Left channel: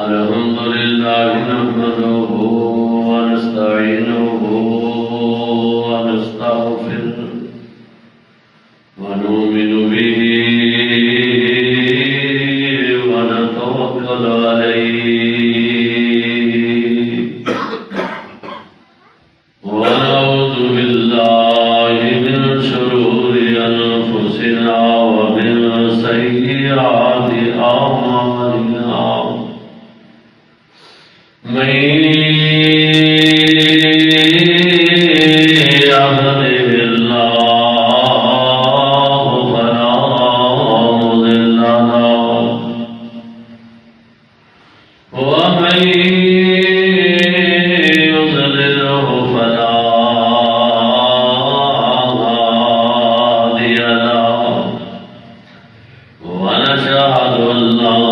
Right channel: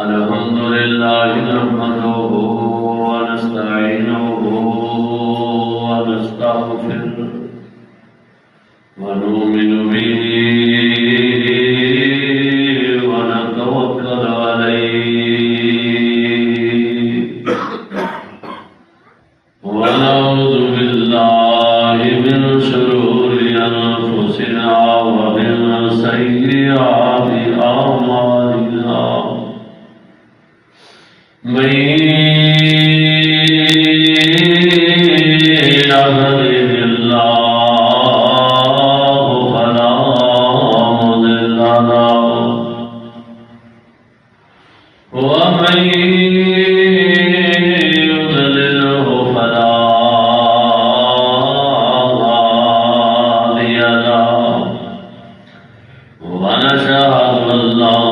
الحمد لله نحمده ونستعينه ونستغفره ونؤمن به ونتوكل عليه ونعوذ بالله من شرور أنفسنا ومن سيئات أعمالنا من يهده الله فلا مضل له ومن يضلله فلا هادي له ونشهد أن لا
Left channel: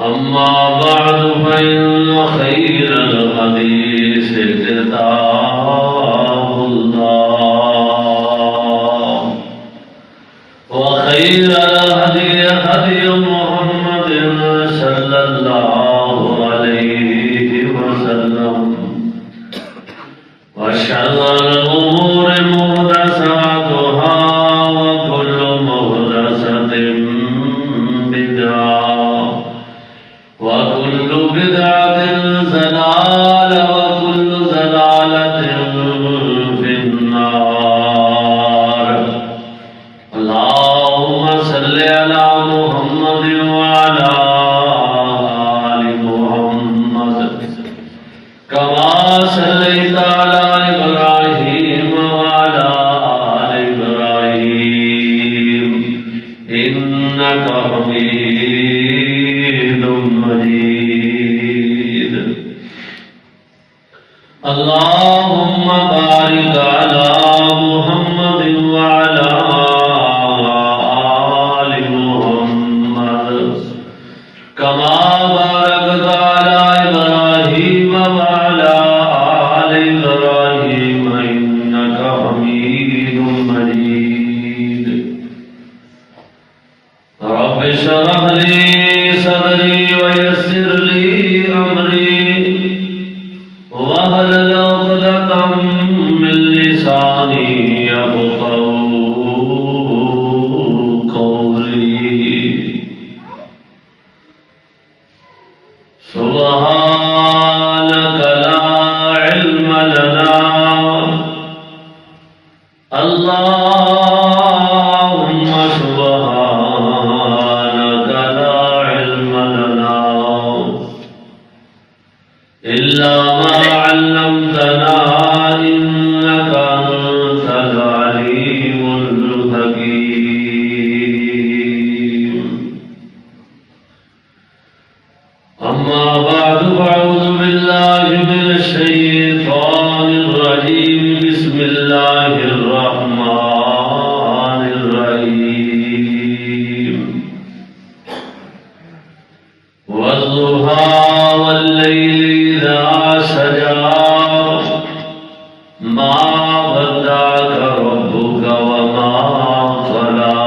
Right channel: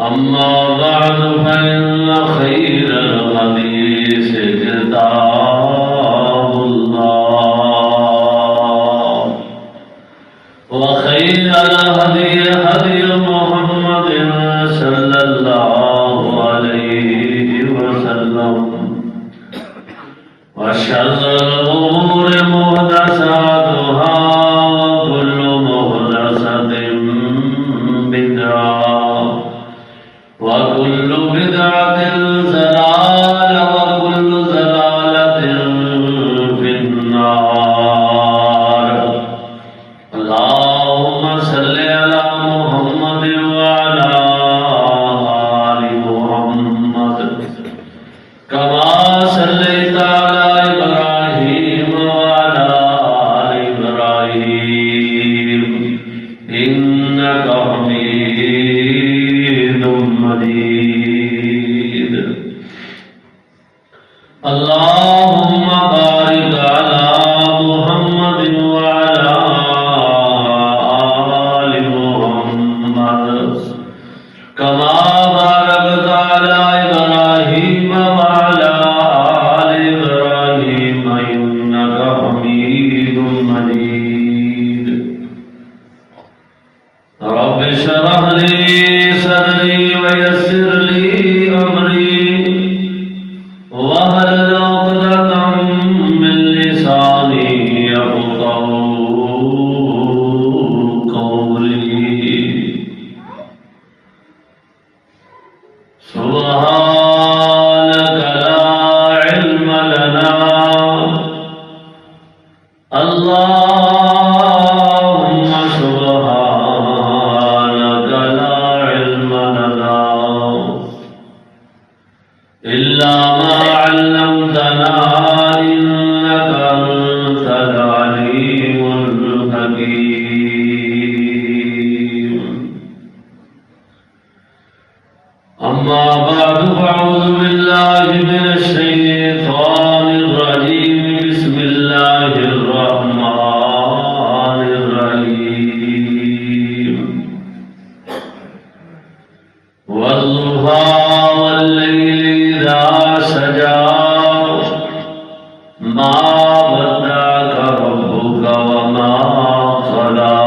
أما بعد فإن خير الحديث كتاب الله وخير الهدي هدي محمد صلى الله عليه وسلم وشر الأمور محدثاتها وكل محدثة بدعة وكل بدعة ضلالة وكل ضلالة في النار اللهم صل على محمد وعلى آل محمد كما صليت على إبراهيم وعلى آل إبراهيم إنك حميد مجيد اللهم بارك على محمد وعلى آل محمد كما باركت على إبراهيم وعلى آل إبراهيم إنك حميد مجيد رب اشرح لي صدري ويسر لي أمري واحلل عقدة من لساني يفقهوا قولي سبحانك لا علم لنا اللهم سبحانك لا علم لنا إلا ما علمتنا إنك أنت العليم الحكيم أما بعد فأعوذ بالله من الشيطان الرجيم بسم الله الرحمن الرحيم والضحى والليل إذا سجى ما ودعك ربك وما قلى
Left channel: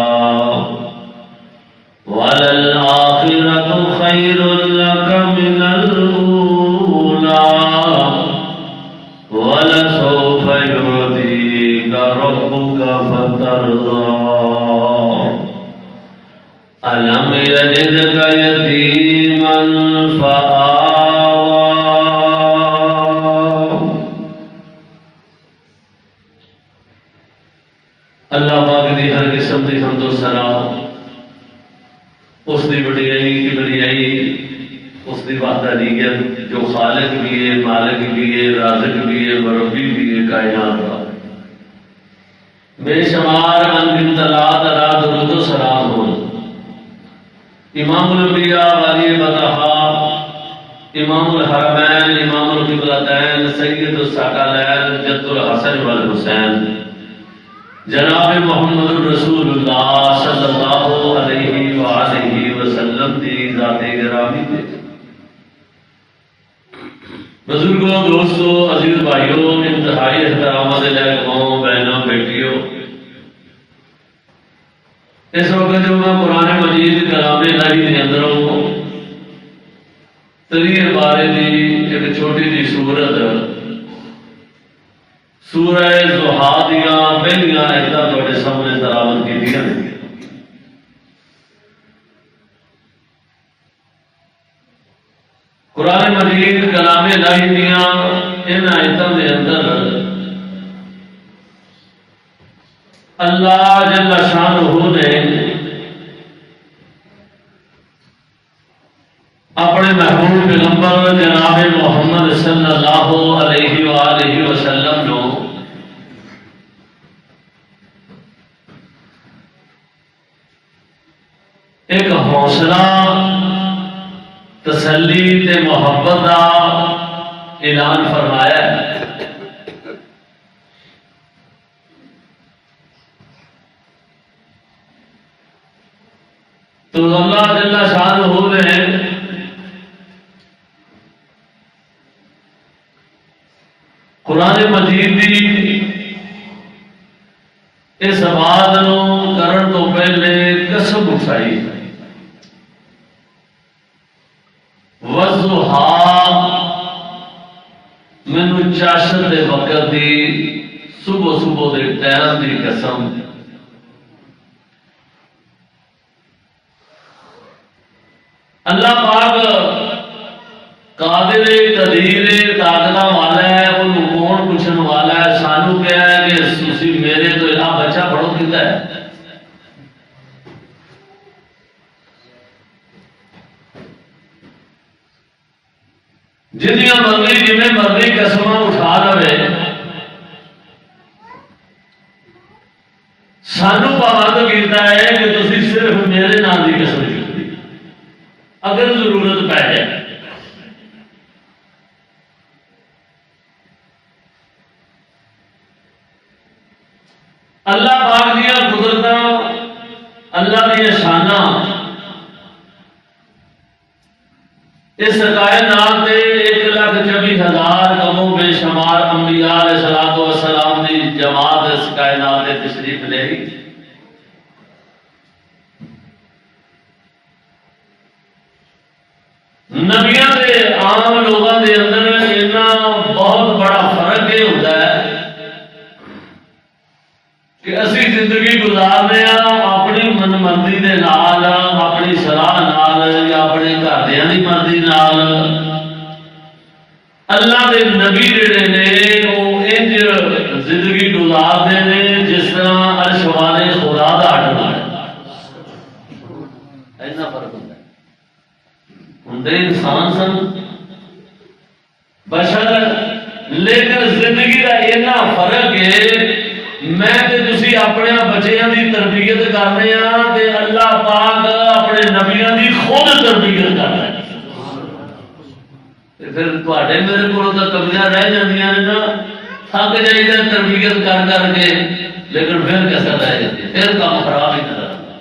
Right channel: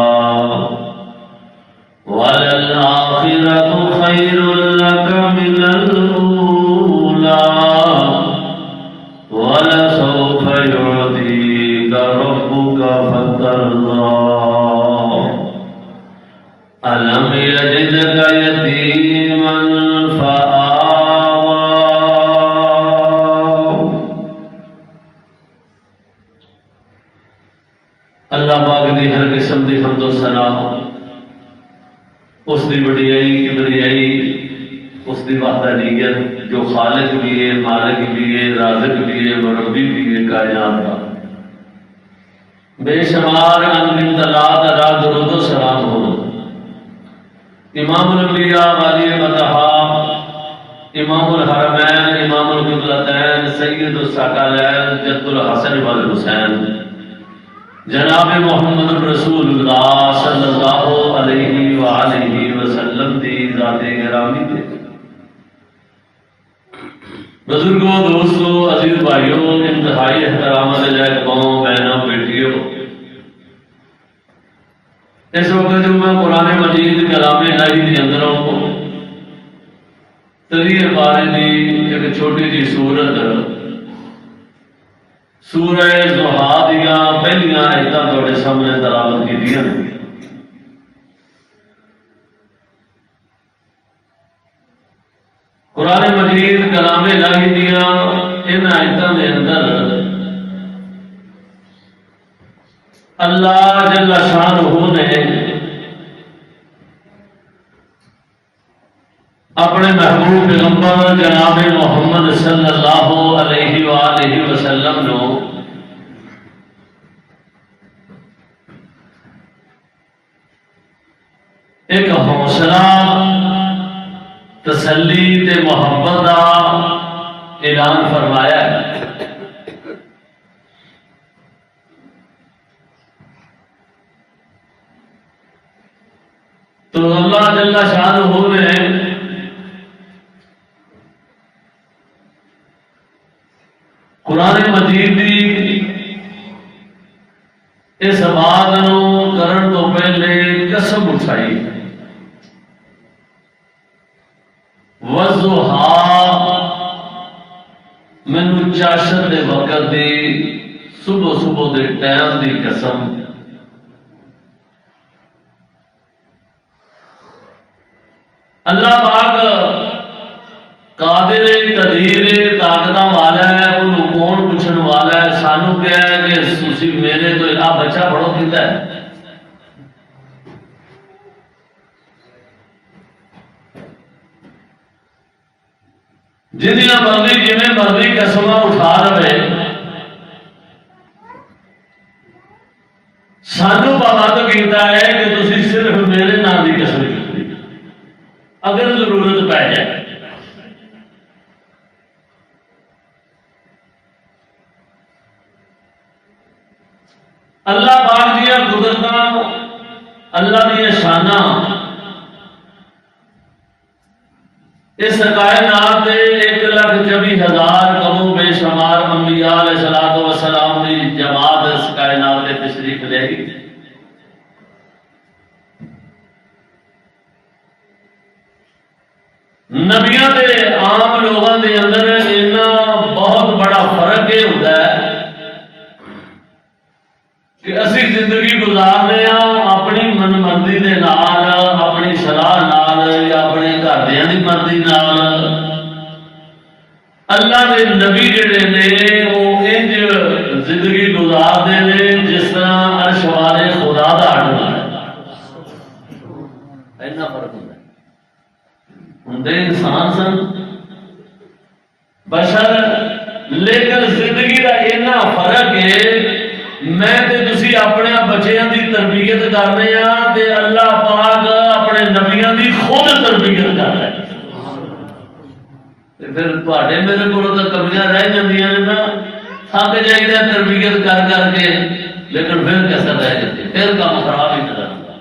وللآخرة خير لك من الأولى ولسوف يعطيك ربك فترضى ألم يجدك يتيما فآوى اللہ پاک دی ہر قسم دی حمد و ثنا اس دی وڈیائی کبریائی اس دی وحدانیت جو خالق بھی ہے مالک بھی ہے رازق بھی ہے مربی بھی ہے کائنات کا بے شمار انگن تلات را درود و سلام ہو امام الانبیاء علی بطحا امام الحرمین امام القبلتین سید الثقلین جد الحسن والحسین جناب محمد رسول اللہ صلی اللہ علیہ وآلہ وسلم دی ذات گرامی دے بزرگوں دوستوں عزیز بھائیوں انتہائی احترام سے لائق قوموں بہنوں بیٹیوں اس وقت جو میں قرآن مجید کلام الہی کے اندروں تریر بارے دی ایک چھوٹی جی سورت سورہ ضحیٰ دیا پہلیاں آیتاں تھوڑے سامنے تلاوت کی دیا قرآن مجید کلام الہی دیا ان آیتاں دے اندر اللہ جل شانہ نے اپنے محبوب پیغمبر جناب محمد صلی اللہ علیہ وآلہ وسلم نو ایک حوصلہ تسلی تے محبت کا اعلان فرمایا ہے تو اللہ جل شانہ نے قرآن مجید دی اس بات نو کرن تو پہلے قسم اٹھائی وضحیٰ مینو چاشت دے وقت دی صبح صبح دے ٹائم دی قسم اللہ پاک قادر قدیر طاقت والا ہے انہوں کون پوچھنے والا ہے سانو کیا ہے کہ تسی میرے تو آ بچہ پڑھو کیتا ہے جنیاں مرضی جنہیں مرضی قسماں اٹھا لے سانو پابند کیتا ہے کہ تسی صرف میرے نام کی قسم کی اگر ضرورت پہ جائے اللہ پاک دیا قدرت اللہ دیا شانہ اس کائنات میں 1,24,000 کم و بے شمار انبیاء علیہ السلام دی جماعت اس کائنات میں تشریف لے گی نبیاں دے عام لوگوں دے اندر اتنا بہت بڑا فرق یہ ہوتا ہے کہ اسی زندگی گزارنے اپنی من مرضی دے نال اپنی صلاح نال یا اپنے گھردیاں دی مرضی نال اللہ دے نبی جڑے نے وہ انج زندگی گزارتے ہیں جس طرح عرش والے خدا دا اڈنا ہے اینا فرق ہوتا ہے ہندے انسان سن بشر لیکن زندگی دا اینا فرق ہے میں تے تسی اپنے بچیاں دی تربیت کرنے ہاں تے اللہ پاک اپنے نبیاں دی خود تربیت کر رہا ہے تے پھر تواڈے میرے کولوں تے کمیاں رہ جاندیاں نے نا تھک جائیدا تربیت کر کر کے لیکن پھر کیسا رہ جاتی پھر کام خراب ہی نظر آتا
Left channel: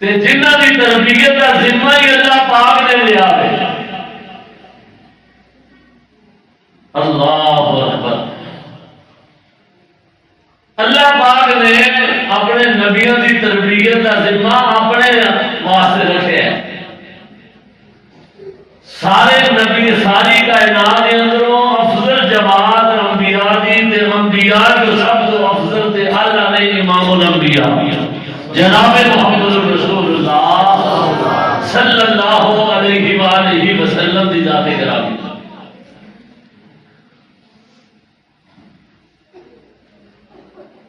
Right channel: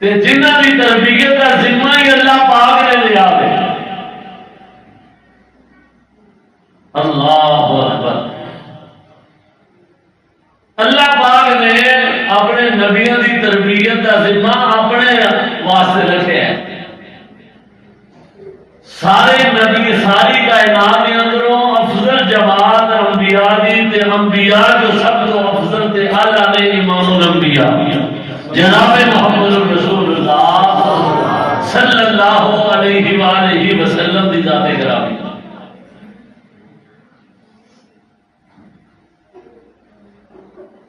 تے جنہاں دی تربیت دا ذمہ ہی اللہ پاک نے لیا ہے اللہ اکبر اللہ پاک نے اپنے نبیوں کی تربیت کا ذمہ اپنے واسطے رکھے ہے سارے نبی ساری کائنات کے اندروں افضل جماعت انبیاء دی تے انبیاء جو سب تو افضل تے اعلیٰ نے امام الانبیاء جناب محمد رسول اللہ صلی اللہ علیہ وآلہ وسلم دی ذات گرامی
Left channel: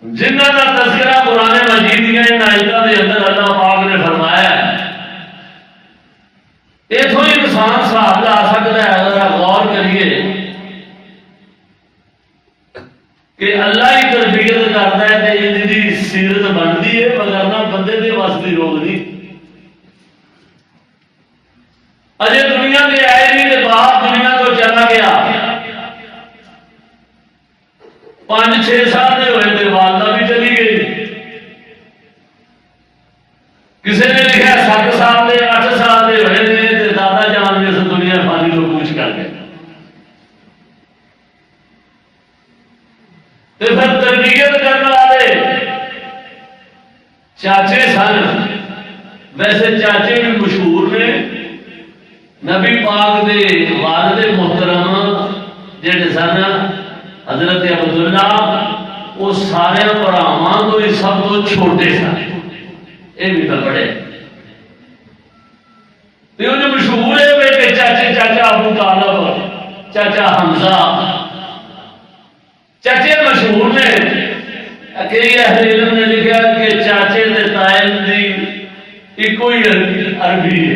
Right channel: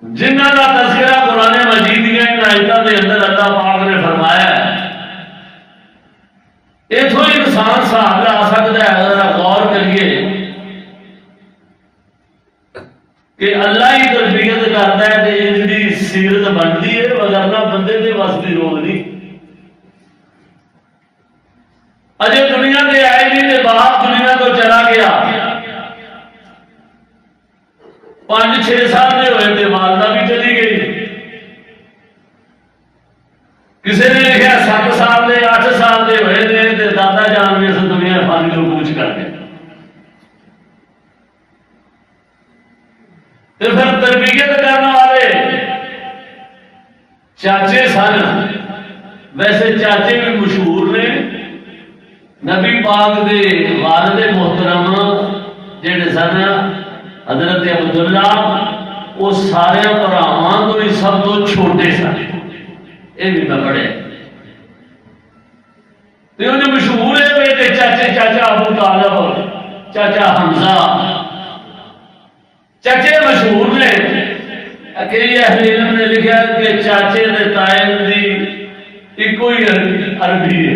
جنہ کا تذکرہ قرآن مجید کے ان آیتوں کے اندر اللہ پاک نے فرمایا ہے اتوں انسان صاحب لا سکتا ہے اگر غور کریے کہ اللہ ہی تربیت کرتا ہے کہ ان کی سیرت بنتی ہے وگرنہ بندے کے وس کی روک نہیں اجے دنیا کے آئے نہیں تو باپ دنیا کو چلا گیا، 5-6 سال میں ہوئے تھے، والدہ بھی چلی گئی، کسی نے لکھا 7 سال دے 8 سال دے ہوئے تھے، دادا جان میں سے دنیا فانی کو کوچ کر گئے۔ تو پھر تربیت کرنے والے چاچے سن، ویسے چاچے بھی مشہور نے، نبی پاک دے والد محترم جڑے سن حضرت عبداللہ، وہ سارے بھراواں تو ہی سب تو چھوٹے سن، یہ بھی میں پڑھے۔ تو جو مشہور ہے بیٹے چاچے، چاچا ابو طالب، چاچا حمزہ، چاچے مشہور نے۔ کئی اہل علم نے لکھا کہ چاچے تے تائے دی ایک ہی عربی ہے،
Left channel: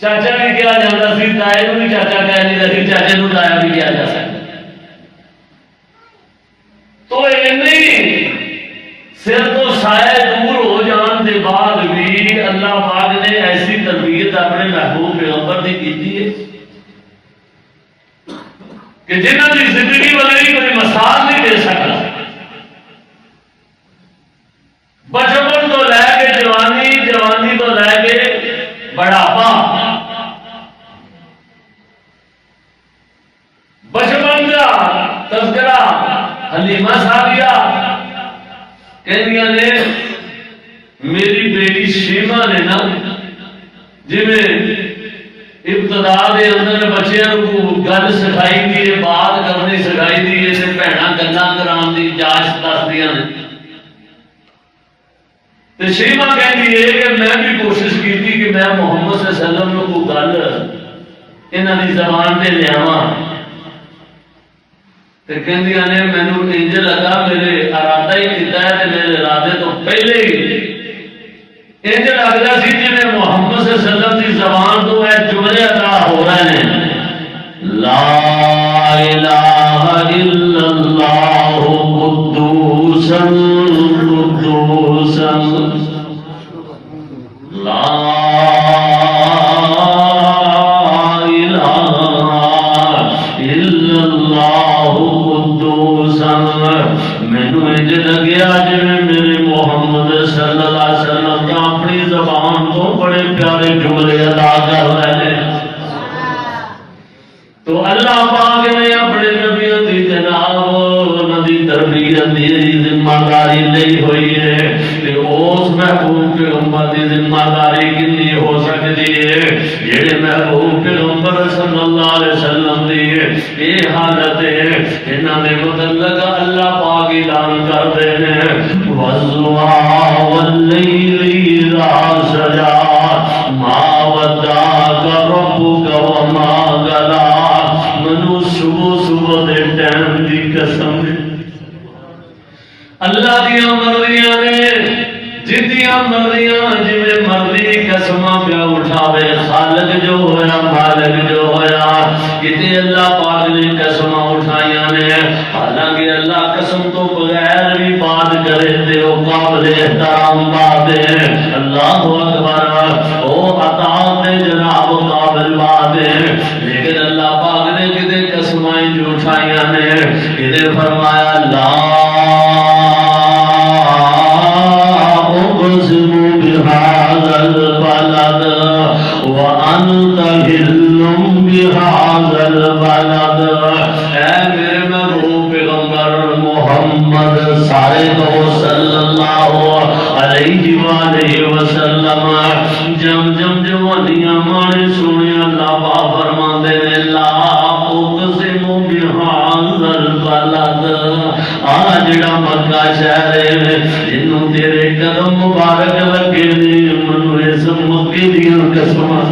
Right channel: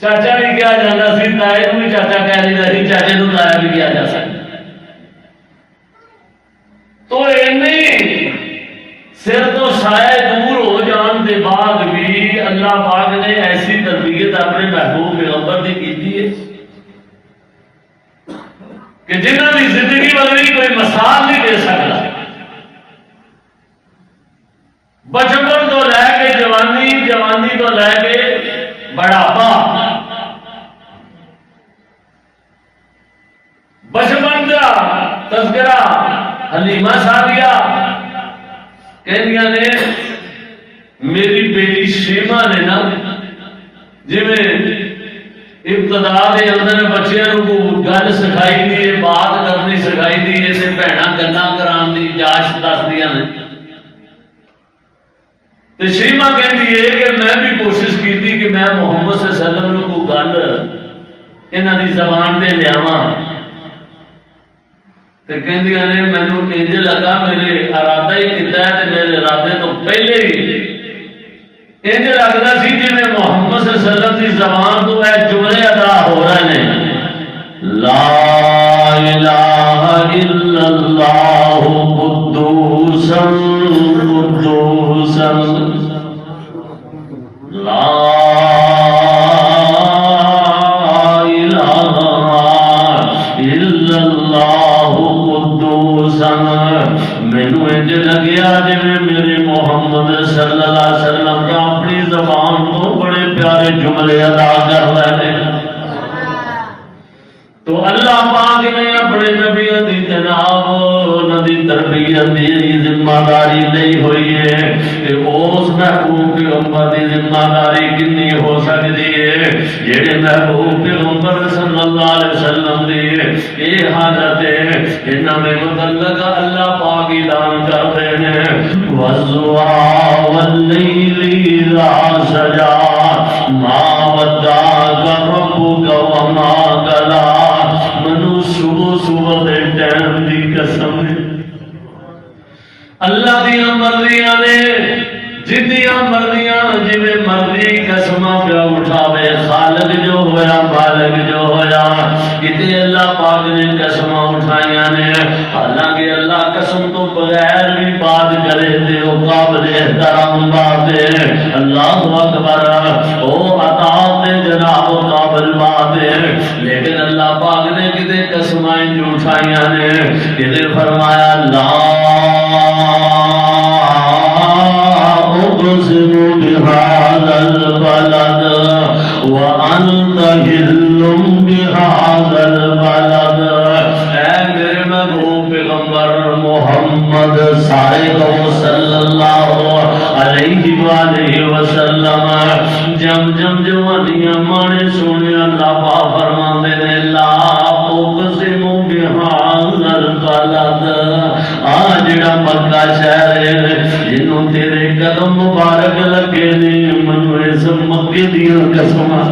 چاچا بھی کیا جاتا سی، تائے بھی چاچا کہہ لیتا سی، چاچے نو تایا بھی کیا جا سکتا۔ تو سر تو سائے دور ہو جان کے بعد بھی اللہ پاک نے ایسی تربیت اپنے محبوب پیغمبر کی کی ہے کہ جنہوں کی زندگی والی کوئی مثال نہیں دے سکتا۔ بچپن تو لے کے جوانی، جوانی تو لے کے بڑھاپا، بچپن کا تذکرہ حلیمہ سعدیہ کہنیاں نے میری بیٹی شیما نے نا جی میں ابتدا دے اندر بچیاں کو گل سکھائی دی ہے، بات کرنی سکھائی دی ہے، تے بھੈਣਾں گلاں کران دی جاچ دسدیاں نے۔ تے شیما کہندی ہے کہ میں بھی کوشش کیتی کہ میں محمد صلی اللہ علیہ وسلم نو کو گل انہاں دی زبان تے لیاواں، تے کہندیاں نے مینوں انج لگا میرے ارادہ ہی کیتا ہے تے میرے ارادے تو پہلے ہی انج لگدا سی جی میں محمد صلی اللہ علیہ وسلم دی زبان تو اے جملے ادا ہو رہے ہیں، لا الہ الا اللہ قدوس قدوس، لا الہ الا اللہ قدوس۔ مینوں انج لگیا جی میرے محمد صلی اللہ علیہ وسلم کا اپنی زبان تو بڑے پیارے جملے ادا کر رہے ہیں۔ تو اللہ پاک نے اپنے نبیوں کی جناب نبی تربیت دی ذمہ داری لئی ہوئی ہے، کہ اس محبوب پیغمبر کی ذمہ داری کنی ہو سکتی ہے جڑے محبوب پیغمبر صلی اللہ علیہ وسلم دی یہ حالت ہے انہاں دے متعلق اللہ پاک اعلان کرتے ہیں، وَالضُّحَىٰ وَاللَّيْلِ إِذَا سَجَىٰ مَا وَدَّعَكَ رَبُّكَ وَمَا قَلَىٰ۔ منو صبح صبح دے ٹائم دی قسم ہے، اللہ دیاں مرضیاں نے جتیاں مرضیاں جی مرضی قسماں پہ اٹھاوے، خالق جو ہویا مالک جو ہویا، کتے اللہ پاک نے قسماں اٹھائیاں نے، حالانکہ اللہ قسم تو بغیر بھی بات کرے تے او قابل احترام بات ہے، اللہ اکبر، او عطا تے جناب قابل بات ہے، لیکن اللہ پاک نے کتے قسماں جو اٹھائیاں نے، کتے فرمایا لا بهذا البلد وأنت حل بهذا البلد۔ اے میرے محبوب پیغمبر محمد صلی اللہ علیہ وآلہ وسلم، جم جوانیاں مانے سونے اللہ پاک فرماندے نے لا اقسم بهذا البلد، آ جڑا مکہ شہر ہے جنوں تیرے قدم مبارک لگے نے، منو اس مکے دیاں قسماں،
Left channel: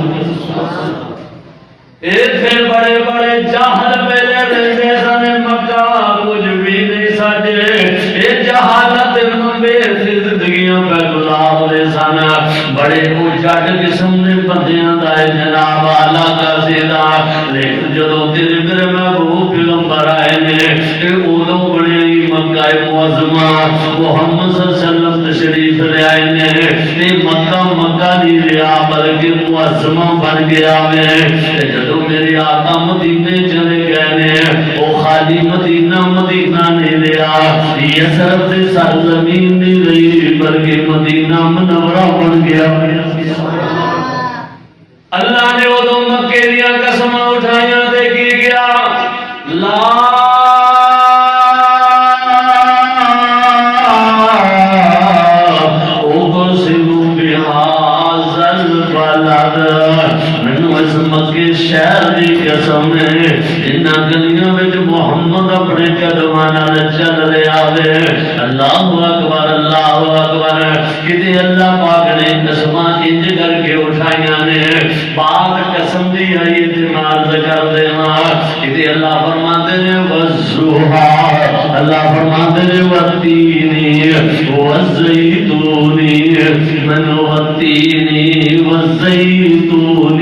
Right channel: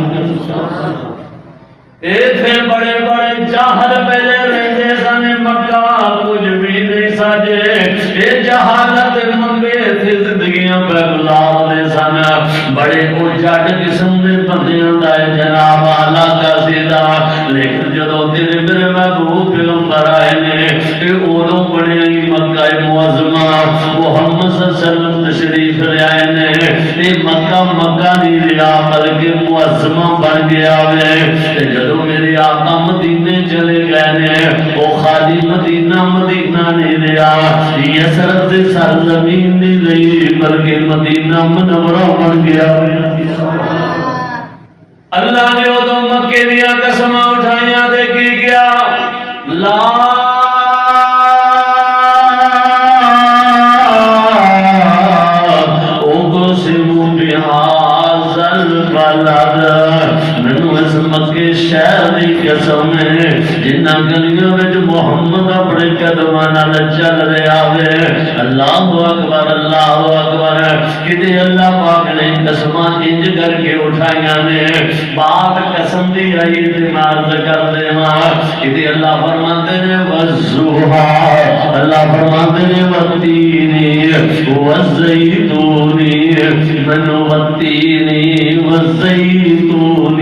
ایتھے بڑے بڑے جاہل پہلے رہندے سن، مکہ کچھ بھی نہیں سجے، اے جہالت لمبے زندگیاں پہ گزارتے سن، بڑے اجڑ قسم دے بندیاں دا جناب علاقہ سیدھا، لیکن جدوں تیرے میرے محبوب پیغمبر آئے نے ادوں بڑے مکہ معظمہ محمد صلی اللہ علیہ وسلم تشریف لے آئے نے، مکہ مکہ نہیں رہا بلکہ معظمہ بن گیا میں جدو میرے آقا مدینے چلے گئے نے وہ خالی مدینہ مدینہ نہیں رہا یسرب سے سرزمین نہیں رہی بلکہ مدینہ منورہ بن گیا اللہ نے وہ دو مکے دیا قسمہ اٹھائیاں دے کی گیا لا اقسم بهذا البلد مینوں اس مکے شہر دی قسم ہے جنہاں گلیاں وچ محمد اپنے قدماں نال چل رہا ہے اللہ اکبر کدے اللہ پاک نے قسماں انج کر کے اٹھائیاں نے بات قسم دی آئی تے عرض کر دینا کدے اللہ فرماتے نے والضحا اللہ فرماتے نے والتین والزیتون من والتین والزیتون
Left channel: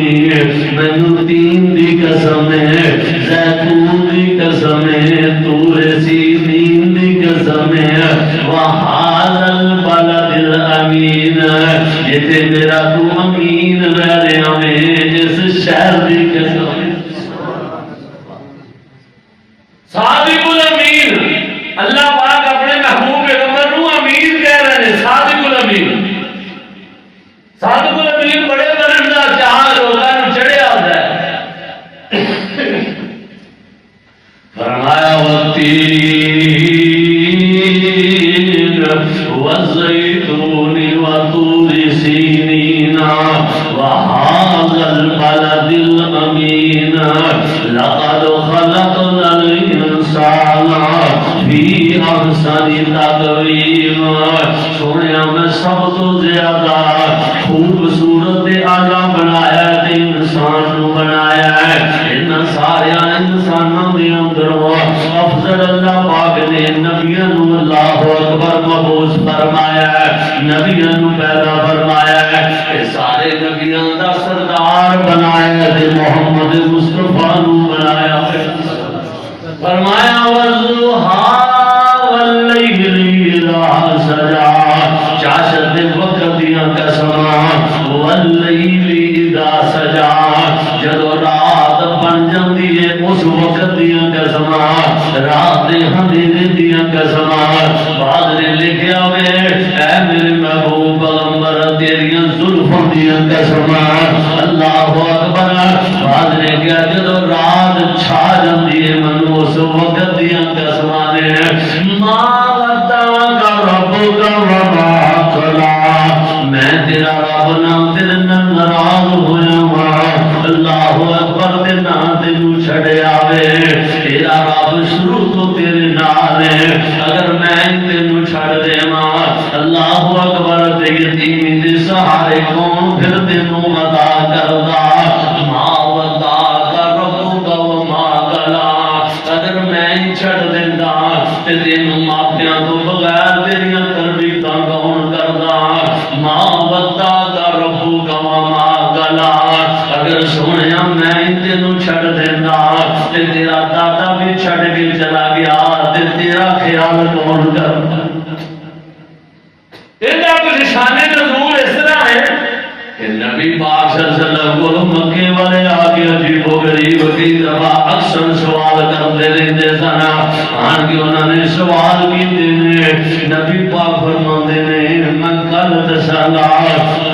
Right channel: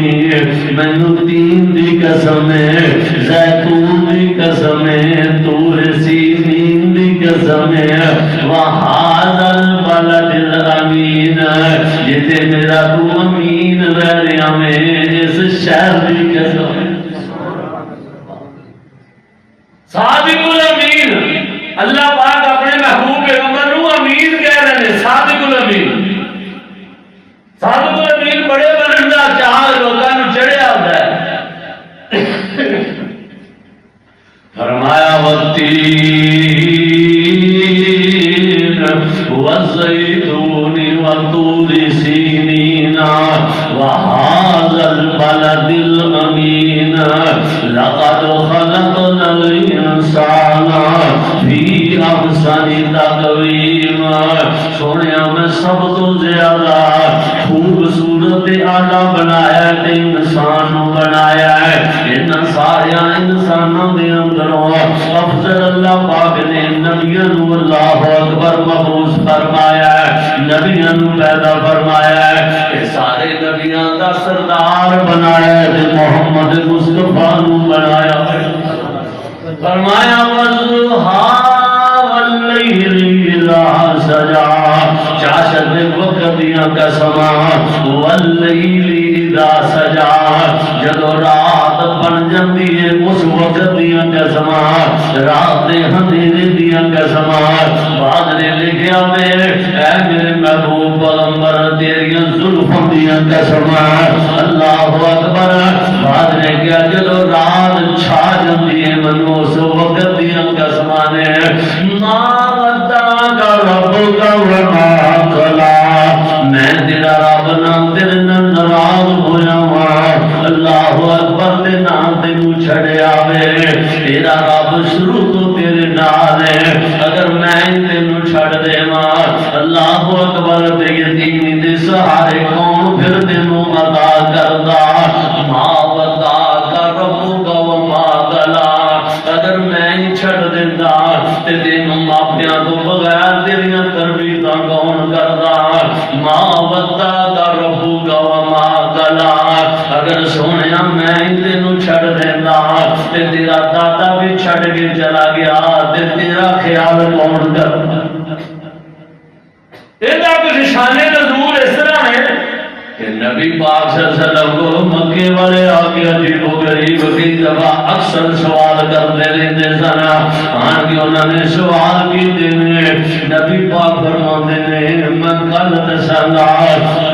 من تین دی قسم ہے زیتون دی قسم ہے طور سینین دی قسم ہے وہذا البلد الامین یہ تے میرا تو امین رہ رہا میں جس شہر دی قسم ہے صادق الامین اللہ پاک اپنے محبوب پیغمبر نو امین کہہ رہے ہیں صادق الامین صادق الامین بڑے بنن دا چاہ لوگاں نو چڑھیا ہوندا ہے فرمایا والتین والزیتون وطور سینین وهذا البلد الامین لقد خلقنا الانسان فی احسن تقویم سونیا میں سب تو زیادہ خوبصورت اعلیٰ بنایا تے انسان نو بنایا ہے ان سارے انسانوں دے اندروں افضل اللہ پاک نے نبیوں نو اللہ اکبر مبعوث فرمایا ہے نبیوں نو پیدا فرمایا ہے کہ سارے نبیوں دا سردار بنایا ہے تے محمد مصطفیٰ نو بنایا ہے فرمایا والضحا واللیل اذا سجا چاشت وقت دیا قسماں واللیل اذا سجا جدو رات بن جاندی ہے اس وقت دیا قسماں رات اندھیرے دیا قسماں بعد نے لکھیا میں اے میرے محبوب پیغمبر تیریاں زلفوں دیا قسماں اللہ اکبر بعد نے کیا جدو رات چھا جاندی ہے من اس وقت دیا قسماں نے ما ودعک ربک وما قلی میں تیرا رب نام تیرے ناراض ہویا ہوں اللہ اکبر تے نہ تینو چھڑیا وے تیرا رب شروع تو تیرے نال ہے اگر میں تینو چھڑ دیواں اللہ اکبر تے یتیمی دے سہارے کون پھر تینو عطا کردا ما ودعک ربک وما قلی اگر میں چھڑ دیندا تے تینو ماپیاں تو بغیر تیریاں تربیتاں کون کردا ما ودعک ربک وما قلی اگر سونیا میں تینو چھڑ دینا تے تیرا دادا بھی چھڑ کے چلا گیا تے تیرا خیال کون کرتا ایدہ کچھ شان نزول اس طرح ہے کہ نبی پاک صلی اللہ علیہ وسلم کو مکے والے آگے عجیب و غریب کی دفعہ اکثر سوال کرتے رہتے سن آن کے انہوں نے سوال کی دینے نبی پاک فرماندے نے میں کل دسانا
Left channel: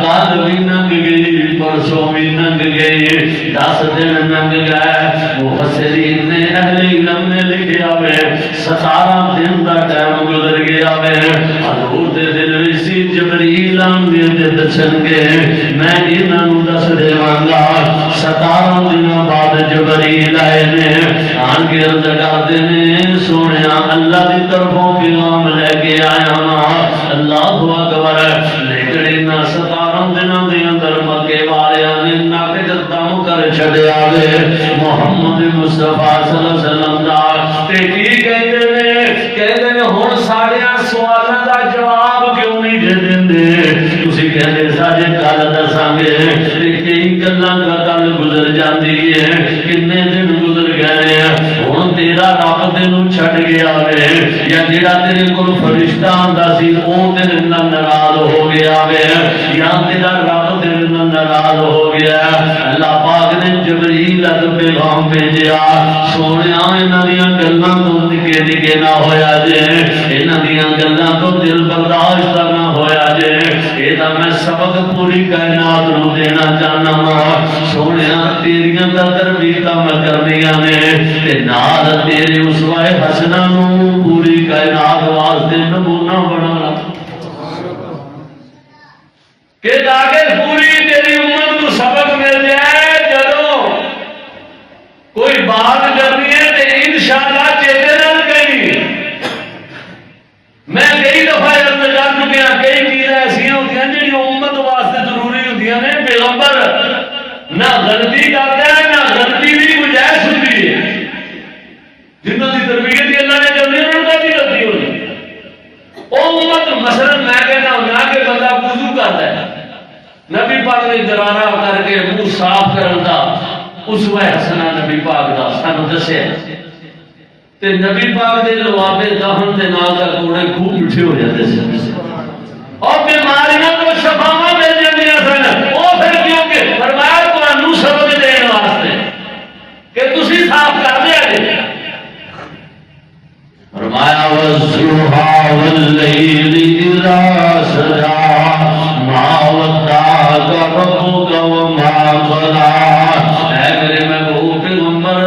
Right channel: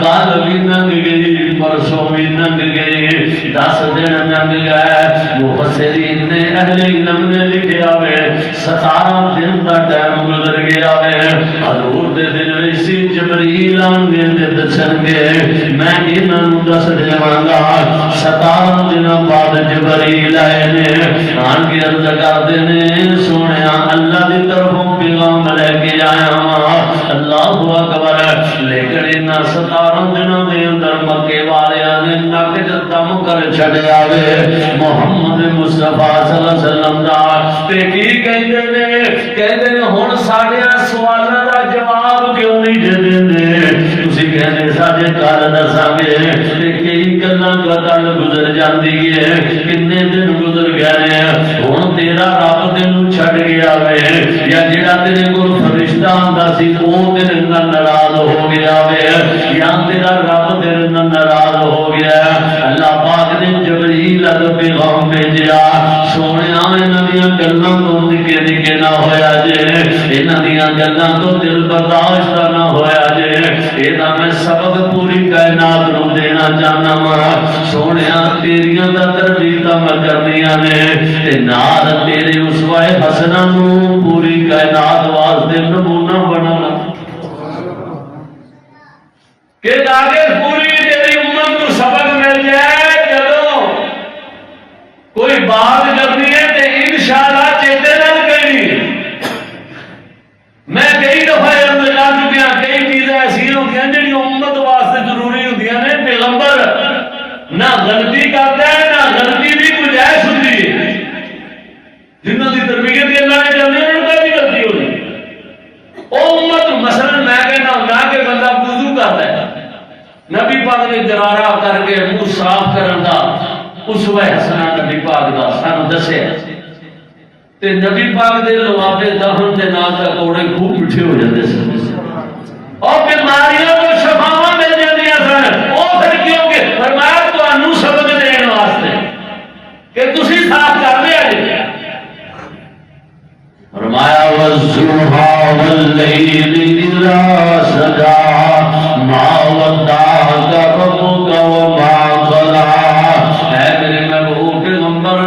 کل بھی ننگ گئی پرسوں بھی ننگ گئی 10 دن ننگ گئے مفسرین نے اہل علم نے لکھیا ہوئے 17 دن دا ٹائم گزر گیا ہے حضور دے دن اسی جبریل آنے دے دسن گے میں انہوں دس دیواں گا 17 دنوں بعد جبریل آئے نے آن کے عرض کرتے نے سونیا اللہ دی طرفوں پیغام لے کے آیا ہاں اللہ اکبر لیکن انہاں 17 دنوں دے اندر مکے والے نے نقد دم کر چھڑیا وے محمد مصطفیٰ صلی اللہ علیہ وسلم دا تے کی کہندے نے ہن ساڈے سوالاں دا جواب کیوں نہیں دے دیندے تسی کہندے ساڈے کل دساں گے تے کئی گلاں گل گزر جاندی ہے کنے دن گزر گئے ہن تیرا رب تینوں چھڈ گیا وے یا جڑا تیرے کول فرشتہ آندا سی او تیرے نال ناراض ہو گیا وے یا دیا سونے انہاں دیاں گلاں تو نکے نکے نہ ہویا جے انہاں دیاں گلاں تو دل برداشت نہ ہویا جے اے دا میں سبق پوری کائنات نو دینا چاہنا وا سونے تیریاں دا تربیتاں میں کرنیاں نے تے نال تیرے اسوہ حسنہ نو پوری کائنات واسطے نمونہ بنانا کہ تاکہ پوری تیری امت کو سبق مل جائے جدوں کوئی بات کرنی ہے تو انشاءاللہ چیتے رہ گئی میں کئی دفعہ عرض کر چکا کئی چیزیں ایسا ہوتی ہیں جی امت واسطے ضروری ہوتی ہیں پیغمبر نہ غلطی کرتا ہے نہ غلطی بھی گنجائش ہوتی ہے جنہوں کی تربیت کے اللہ نے کرنی انہوں کا بھی غلطی ہو جائے وہ امت مثلا میں کہنا ہوں کہ بندہ وضو کرتا ہے نبی پاک نے جرارہ کر کے منہ صاف کرن دا اسوہ حسنہ نبی پاک دا سانو دسے تے نبی پاک دے لوابے دہن دے نال دا کوڑے خوب مٹھے ہو جاتے سے اور بیماریاں کو شفاواں مل جاندیاں سن او پھر کیوں کہ فرمایا تانوں سبق دین واسطے کہ تسی صاف کر لیا جے فرمایا والضحى والليل إذا سجى ما ودعك ربك وما قلى اے میرے محبوب پیغمبر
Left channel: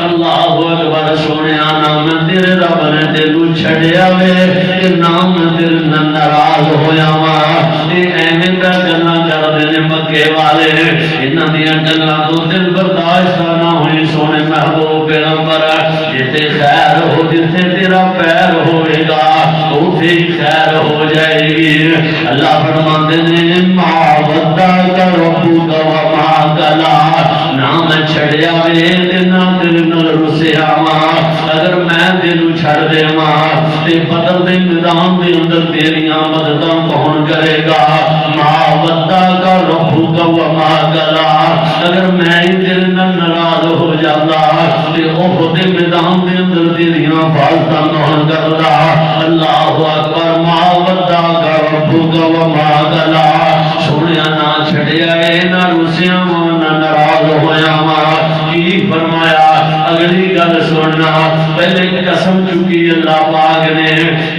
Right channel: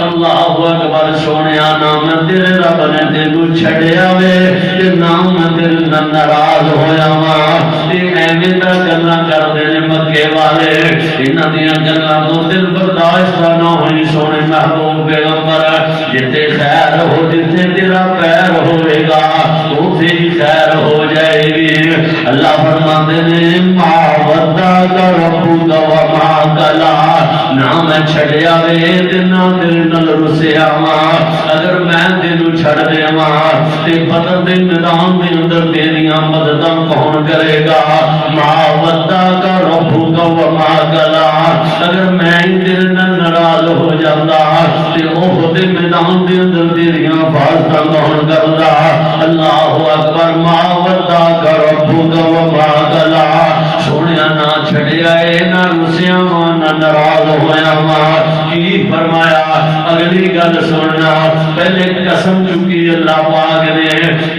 اللہ اکبر سونیا نام تیرے رب نے تینوں چھڈیا وے تے نام تیرے نال ناراض ہویا وا تے ایویں دا گلاں کردے نے مکے والے انہاں دیاں گلاں تو دل برداشت نہ ہوئی سونے محبوب پیغمبر جتے خیر ہو جتے تیرا پیر ہوئے گا اوتھے ہی خیر ہو جائے گی اللہ فرماتے نے ما ودعک ربک وما قلى نہ میں چھڑیا وے تے نہ تیرے نال رسیا وا اگر میں تینوں چھڑ دیواں تے بدر دے میدان دے اندر تیریاں مدداں کون کرے گا ما ودعک ربک وما قلى اگر میں ہی تیرے نال ناراض ہو جاتا تے اوہ دے میدان دے اندر تیریاں حفاظتاں کون کردا اللہ اکبر ما ودعک ربک وما قلى سونیا نہ چھڑیا اے نہ رسیا وا نہ ناراض ہویا وا کی فرمایا اگلی گل سننا پہلے قسم چکی اللہ پاک نے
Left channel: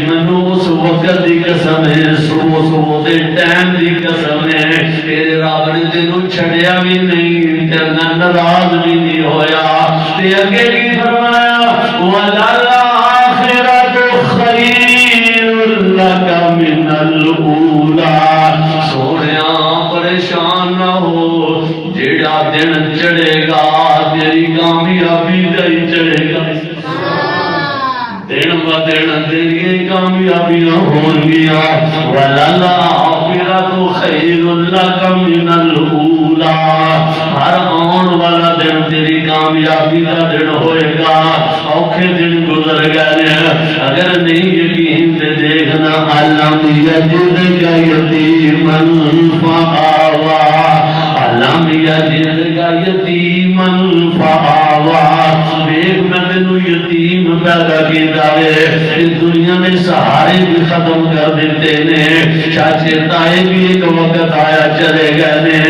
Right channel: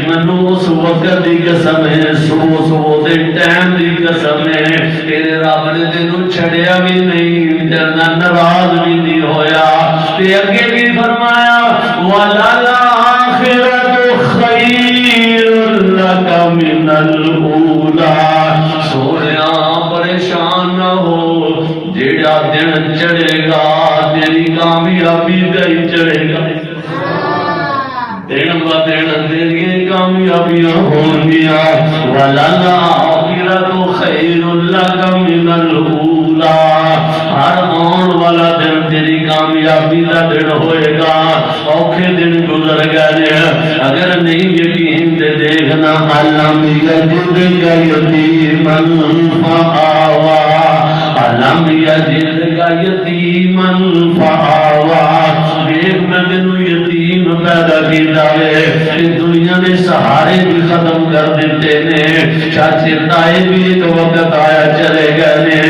مینوں اس وقت دی قسم ہے صبح دے ٹائم دی قسم ہے تیرے رب نے تینوں چھڑیا بھی نہیں تے ناراض بھی نہیں ہویا تے اگے کی فرمایا وَلَلْآخِرَةُ خَيْرٌ لَكَ مِنَ الْأُولَىٰ سونیا پریشان نہ ہو جیڑا دن چڑھے گا تیری کامیابی دے چڑھے گا دن با دن تیری کامیابیاں ہون گیا وَلَلْآخِرَةُ خَيْرٌ لَكَ مِنَ الْأُولَىٰ ہر آن والا دن تیری کامیابی کا دن ہوئے گا اوکھے دن گزر گئے اگر نہیں یقین دے دیکھنا علم یجدک یتیما فآوا علم یجدک یتیما فآوا دیکھ میں تینوں یتیم پیدا کیتا ہے دنیا میں سہارے بھی ختم کر دیتے نے چاچے تائے بھی ایک وقت آیا چلے گئے نے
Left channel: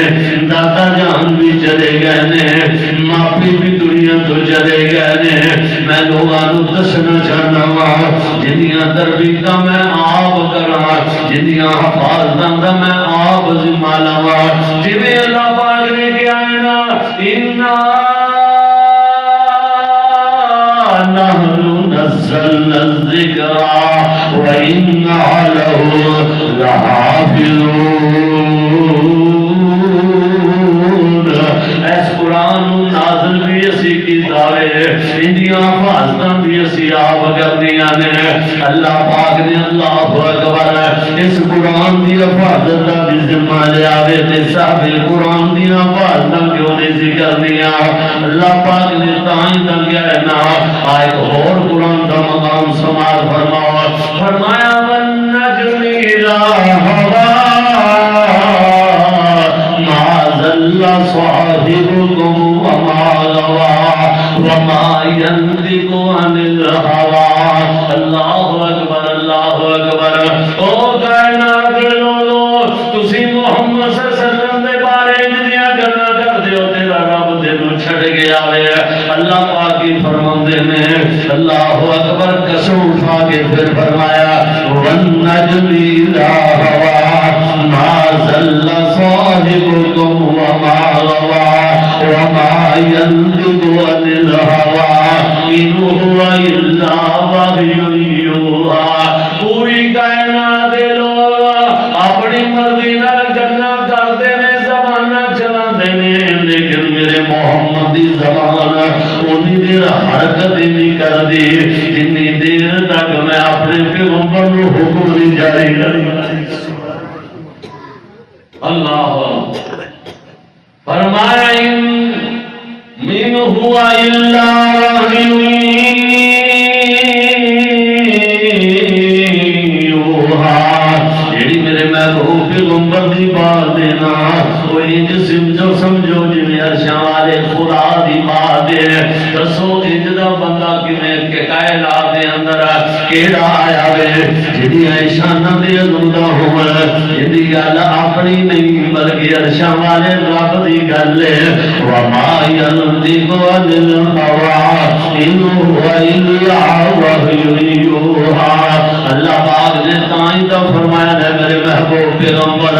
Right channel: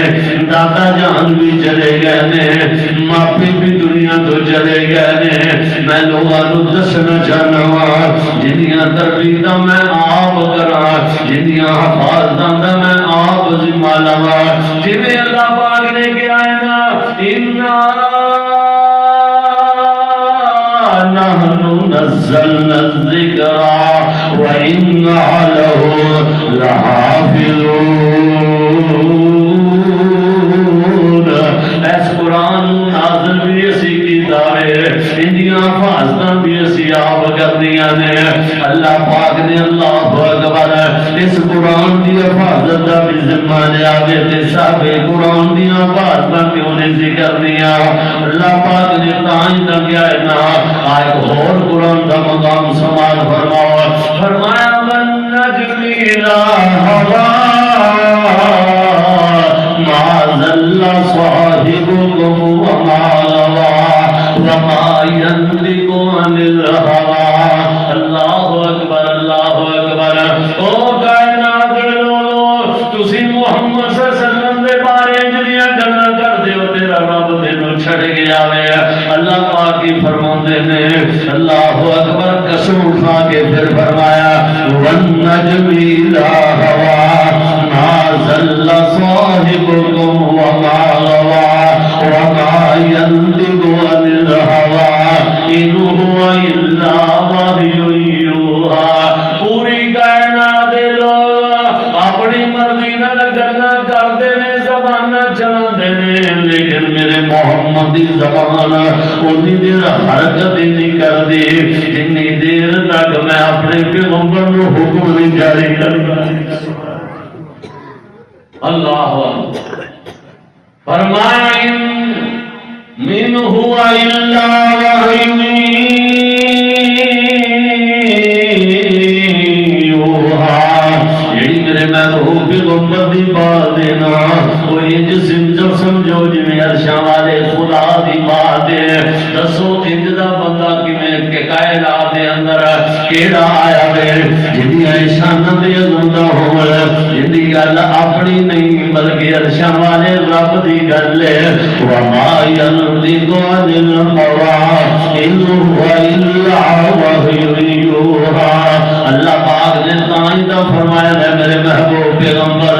دادا جان بھی چلے گئے نے ماپی بھی دنیا تو چلے گئے نے میں لوگاں نوں دسنا چاہنا وا جنیاں تربیتاں میں آپ کراں جنیاں حفاظتاں دا میں آپ ذمہ لواں جویں اللہ پاک نے کہا ہے نا انا نحن نزلنا الذکر وإنا له لحافظون اس قرآن نازل بھی اسی کتاب ہے اندیاں حفاظتاں بھی اسی آپ کرنیاں نے اللہ پاک نے اللہ اکبر اس قرآن دی حفاظت دا بھی ذمہ لیا وے تے صاحب قرآن دی حفاظتاں کیوں نہیں سی کرنیاں اللہ پاک نے تائیں دا کیا ہے نا آئے اور قرآن کا مقام سماعت فرماؤ فرمایا والنجم اذا ہوا ما ذل صاحبكم وما غوى وما ينطق عن الهوى اللہ اکبر او کائنات دے لوگو تسی محمد صلی اللہ علیہ وسلم دے بارے جنیاں گلاں کردے ہو تیرا رب تینوں چھڑ گیا وے اللہ فرماندے نے اللہ اکبر قسم اٹھا کے پھر فرمایا والنجم اذا ہوا ما ضل صاحبكم وما غوى وما ينطق عن الهوى إن هو إلا وحي يوحى پوری کائنات دے لوگ اپنی مرضی نال گلاں کردے نے زباناں چلاندے نے لیکن میرے محمد دی زبان اونی دیر حرکت نہیں کردی جنی دیر تک میں اپنے پیغمبر نو حکم نہیں جاری کرتا اللہ فرمایا من هو الا وحی یوحی جڑی میرے محبوب پیغمبر دی بات دینا وہ انج سمجھو جویں عرشاں والے خدا دی بات ہے دسو انج دا بندہ کنے کہ کائنات دے اندر کیڑا آیا وے جدی شاناں دے گندا ہوے جدی گل اپنی نہیں بلکہ عرشاں والے رب دی گل ہے وما ينطق عن الهوى إن هو إلا وحي يوحى اللہ پاک نے تائیں دا فرمایا ہے میرے محبوب پیغمبر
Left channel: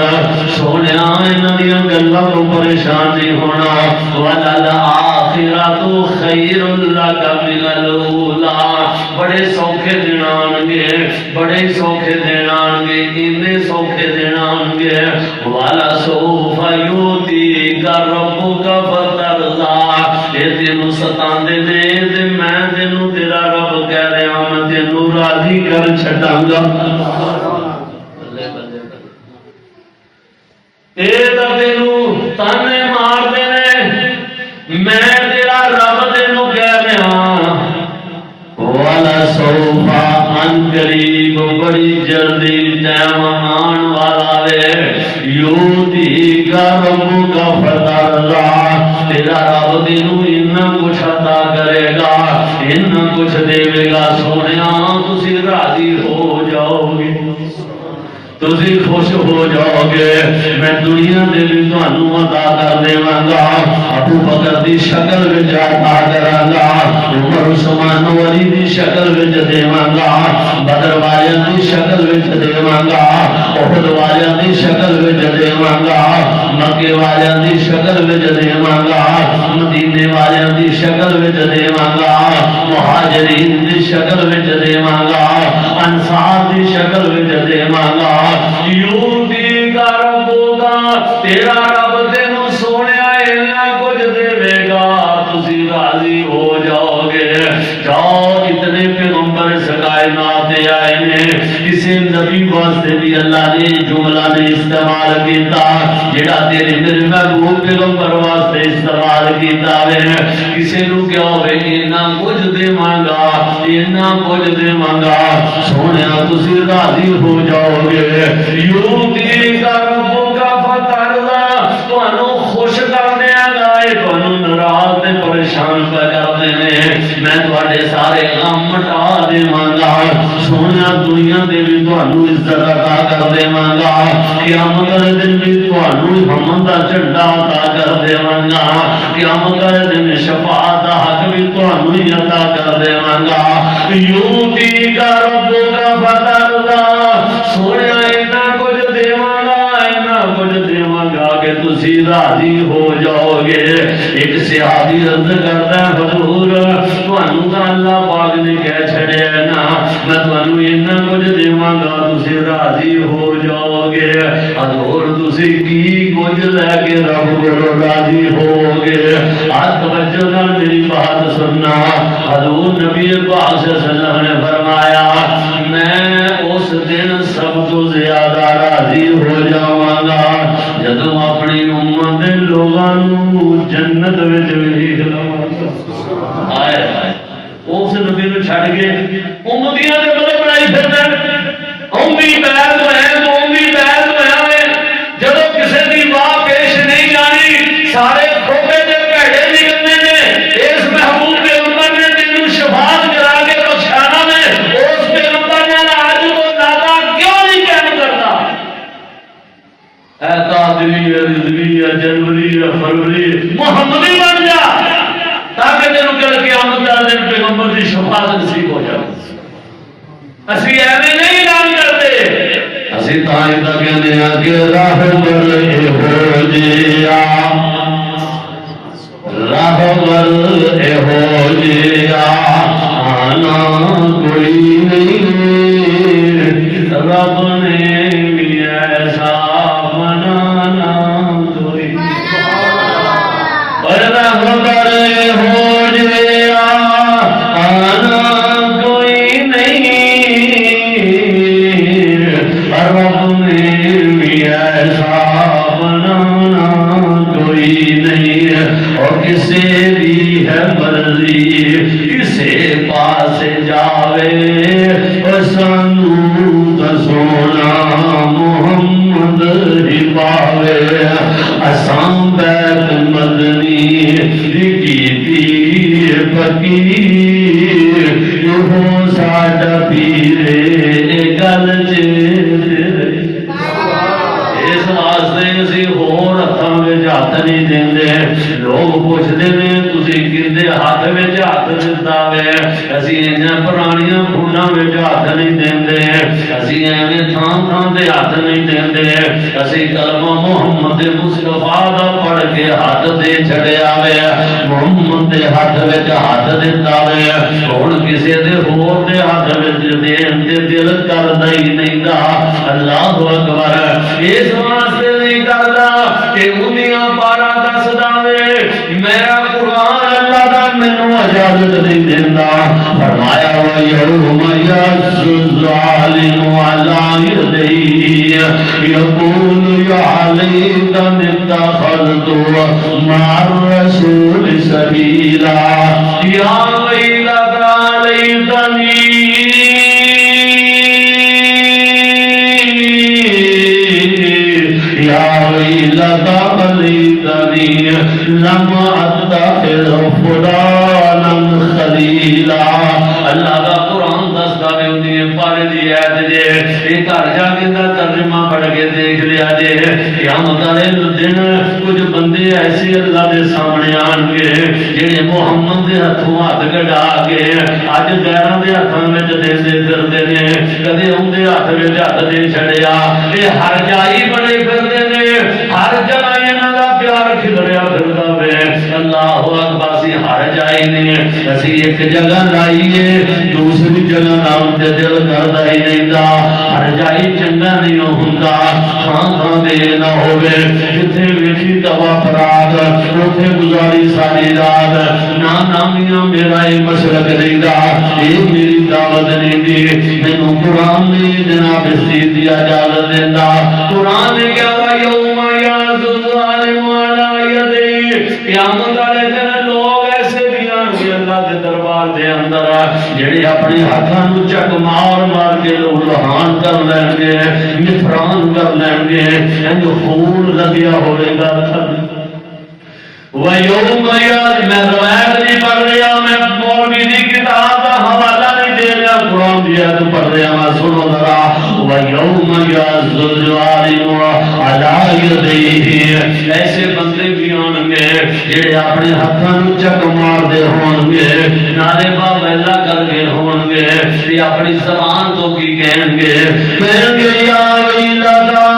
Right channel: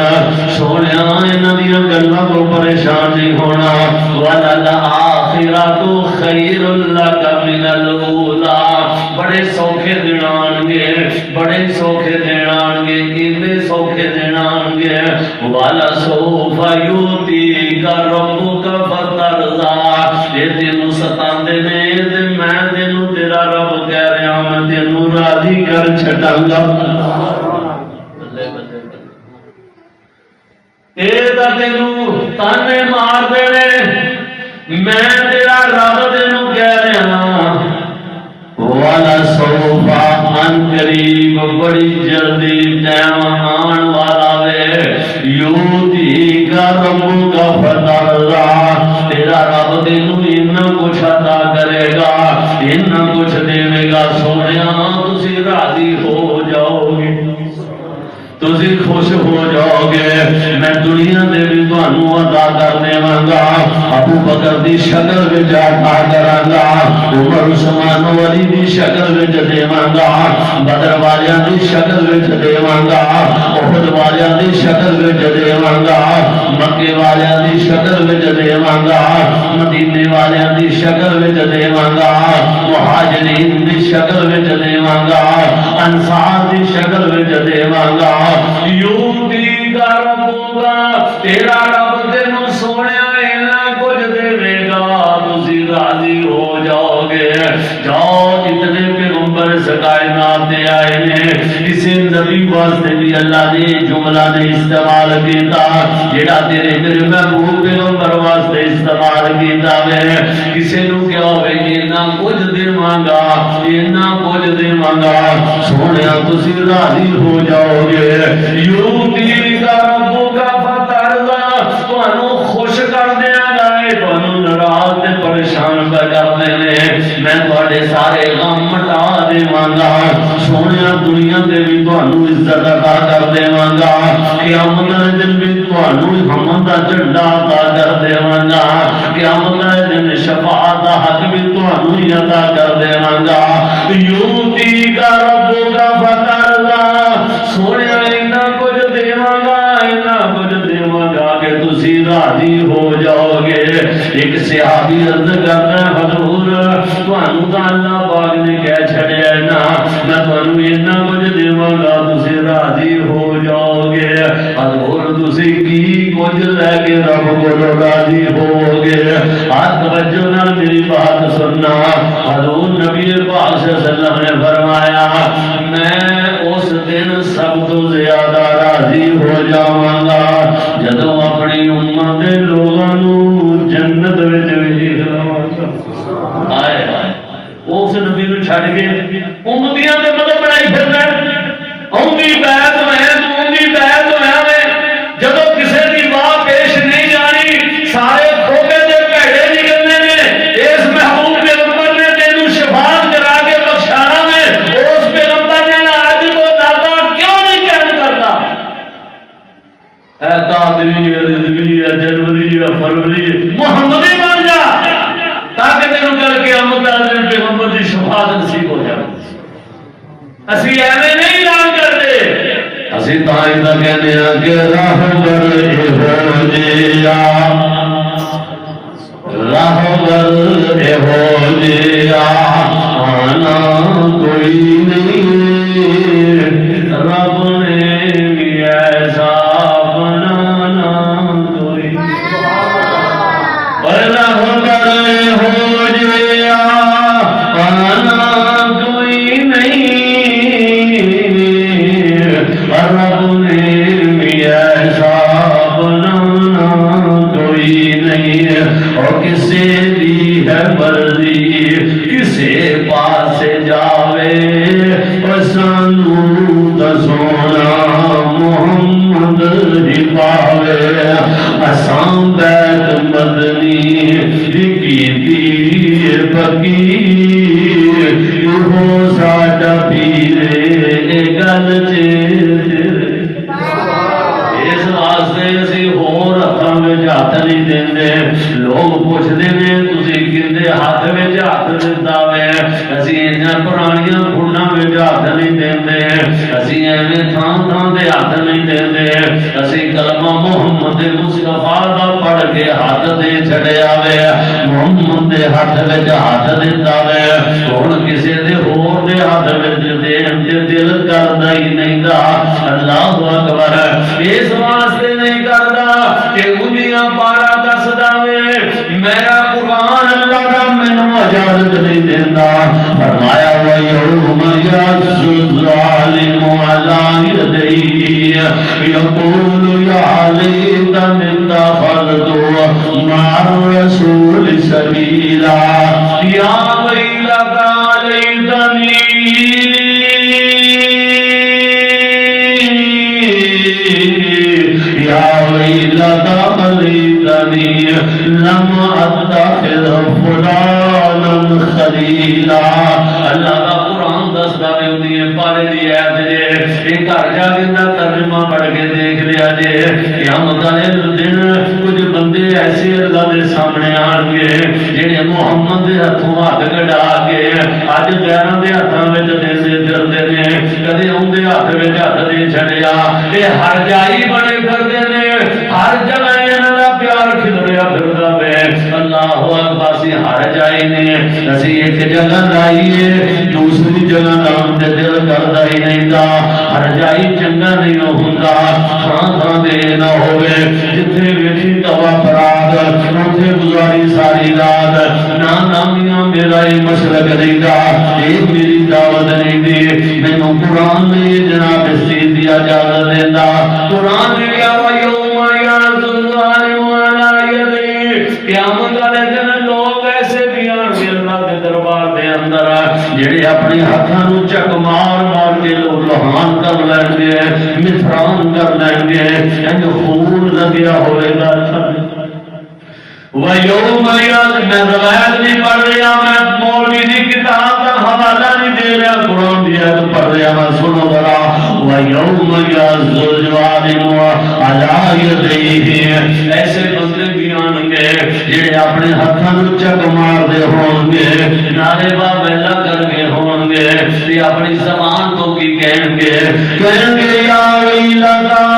سونیا انہاں دی گلاں تو پریشان نہیں ہونا وَلَلْآخِرَةُ خَيْرٌ لَكَ مِنَ الْأُولَىٰ بڑے سوکھے دن آن گے بڑے سوکھے دن آن گے اتنے سوکھے دن آن گے وَلَسَوْفَ يُؤْتِيكَ رَبُّكَ فَتَرْضَىٰ اے تینوں ستاندے نے تے میں تینوں تیرا رب کہہ رہا ہوں میں تینوں راضی کر چھٹاں گا بلے بلے تیرا تینوں تانے مار دے میں تیرا رب تینوں کہہ رہا والا سوفا ان قریب بڑی جلدی ٹائم آن والا وے یوتی کا رب کا فترضا تیرا رب تینوں اتنا کچھ عطا کرے گا اتنا کچھ دے گا سونیا تسی راضی ہو جاؤ گے تسی خوش ہو جاؤ گے میں دنیا دے بھی تانوں عطا کر دیواں گا ابو بکر دی شکل وچ عطا کراں گا عمر عثمان علی دی شکل وچ دیواں گا بدر والیاں دی شکل وچ دیواں گا احد والیاں دی شکل وچ دیواں گا مکے والیاں دی شکل وچ دیواں گا مدینے والیاں دی شکل وچ دیواں گا مہاجرین دی شکل وچ دیواں گا انصار دی شکل وچ دیواں گا یوتی کا ربوگا تیرا رب تینوں سونیا اینا کچھ دے گا تسی راضی ہو جاؤ گے جاؤ اتنے پیغمبر اس کائنات تے آئے نے کسی نبی واسطے بھی اللہ نے جملہ نے استعمال کیتا جڑا تیرے میرے محبوب پیغمبر واسطے استعمال کیتا وے کسی نو کیا ہوئے اینا کچھ دیواں گا اینا کچھ دیواں گا سونیا تسی راضی ہو جاؤ گے یوتی کا ربوگا فترضا تانوں خوش کر دیاں گا تانوں ناراض تے پریشان کر دینے میں تواڈے سارے غم مٹا دیواں گا سونیا دنیا دے بھی تانوں عزت عطا کر دیواں گا قیامت دے دن بھی تانوں حمد دا جھنڈا عطا کر دیواں گا قیامت دے دن شفاعت دا حق بھی تانوں ہی عطا کر دیواں گا یوتی کا ربوگا فترضا سونیا اینا کچھ دیواں گا اینا کچھ دیواں گا کہ تسی راضی ہو جاؤ گے ایک صحابی عرض کرتا ہے حضور تانوں تا اللہ پاک نے کہہ چھڑیا نا میں تانوں اینا کچھ دیواں گا تسی راضی ہو جاؤ گے حضور تسی کی کچھ لے کے رب کو راضی ہو گے آج توجہ نال میری بات سننا حضور نبی پاک صلی اللہ علیہ وسلم نے فرمایا میں اس دن سب تو زیادہ راضی ہو جاواں گا جدوں اپنی امت دے لوگاں نوں جنت وچ ویکھ لواں گا ہائے ہائے اس نبی نوں چھڈ کے امتیاں دے مطلب بنائی پھردا اوندی بیعت میں اوندی بیعت میں جدوں کسے دی واہ پیش نہیں جانی سارے کھوٹے تے بھڑے نکلنے نے اس محبوب پیغمبر نے تینوں شفاعت کرا کے بخشانا نے اس پیغمبر نے آج کو داتا کیوں نہیں قائم کرتا اے قادری رضوی جنوری فروری محمدی بن جا تاکہ تینوں کل قیامت والے دن اسی ایویں نہیں اعلان کرتے، اسی تاں دا کہندے ہاں کہ راہبر ہو جیا، راہبر ہو جیا آنا کوئی نہیں، رب نے بھی ایسا بنانا کوئی پر راہبر ہو جیا آنا کوئی نہیں، رب نے بھی ایسا بنانا کوئی نہیں، اور کسے بھی ہے مرضی کسے پاس جاوے، اور سانو دسونا محمد ہی پاوے، اساں بیت مدنی کیتی فقیر، وہ ساڈا پیر گل چیتے، اس واسطے اسی ہور ہاتھاں وچ ہاتھ نہیں دیندے، لوگ پوچھتے ہیں تسی کدے ہاتھ وچ ہاتھ دتا وے، اسی انہاں پرانیاں فنڈاں وچ ہاتھ نہیں دیندے، اسی ایویں تھان تھان دے ہاتھ نہیں دیندے، اسی کلمہ محمد مصطفیٰ دا پڑھ کے ہاتھ دے چھڑیا وے، محمد دے ہاتھ وچ ہاتھ دتا وے، ہن کسے دے ہور دے ہاتھ وچ دین تے دل کردا ہی نہیں دا، اللہ اکبر، اس واسطے نہیں کردا کہ انہیاں پارا دسدا وے، میرا قرآن اللہ دا مینوں اجازت نہیں دیندا، فرمایا وَيَوْمَ يَعَضُّ الظَّالِمُ عَلَىٰ يَدَيْهِ يَقُولُ يَا لَيْتَنِي اتَّخَذْتُ مَعَ الرَّسُولِ سَبِيلًا يَا وَيْلَتَا لَيْتَنِي يَا وَيْلَتَا لَيْتَنِي لَمْ أَتَّخِذْ فُلَانًا خَلِيلًا، اللہ کا قرآن دستا ہے انہیں پارے دی آیت جے، ایک گھر جا کے ترجمہ پڑھ کے دیکھ لیا جے، قیامت والے دن کچھ بندے ایسے اللہ دے سامنے آن گے جڑے محمد دے ہاتھوں ہاتھ کڈا کے اج غیراں دے ہاتھاں وچ دیندے پھردے نے، کدے اون دے ہاتھ وچ ہاتھ دے چھڑیا، اے ہر جائی بڑے پھردے نے، ہر جگہ انہاں دا پیار کھلریا پھردا وے، اللہ اکبر، سی ہر جائی نے اسی ایک جگہ لائیے دوسری جگہ نام تے دل کردا ہی نہیں دا، ہر جائی چنگا نہیں ہوندا، تھان تھان دے نہ ہوے، جتھے ویکھی توا پراد اوتھے گزاری ساری رات، نا نامیاں میرا یہ مشرق نہیں دا، یہ میری دعوت نہیں دی، مینوں قرآن نے جناب اس چیز دی اجازت دیندا، قرآن نے کیا وَيَوْمَ يَعَضُّ الظَّالِمُ عَلَىٰ يَدَيْهِ، قیامت والے دن لوگ ایسے بھی آن گے اللہ کے دربار دے اندر جڑے اپنے ہاتھاں نوں چک مار مار کے لوگ لہان کر لیں گے، متھران کر لیں گے، انج خون لگیا ہوئے گا۔ وَيَوْمَ يَعَضُّ، میں روایت نہیں پڑھ رہا، میں مولوی دی کتاب کا حوالہ نہیں دے رہا، قرآن دی آیت پڑھ رہا، میں سنو ذرا، وَيَوْمَ يَعَضُّ الظَّالِمُ عَلَىٰ يَدَيْهِ، ایسے بندے بھی آن گے جڑے اپنے ہاتھاں نوں چک مار دے ہون گے، نعرے با ویلا کر کے ہون گے، تے اپنی زبان تو کی کہیں گے یا ویلتا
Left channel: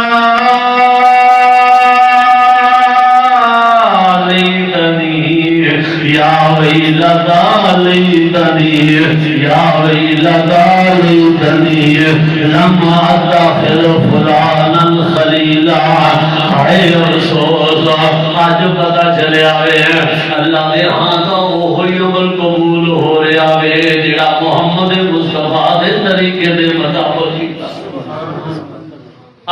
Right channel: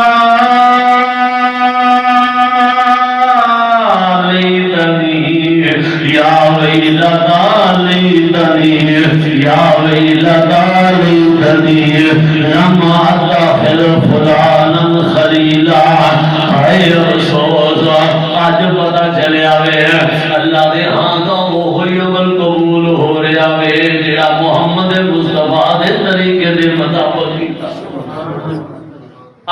یا ویلتا لیتنی یا ویلتا لیتنی لم اتخذ فلانا خلیلا، اے افسوس، آج پتہ چلیا وے اللہ دے ہاں تو وہی عمل قبول ہو رہا وے جڑا محمد مصطفیٰ دے طریقے دے مطابق کیتا،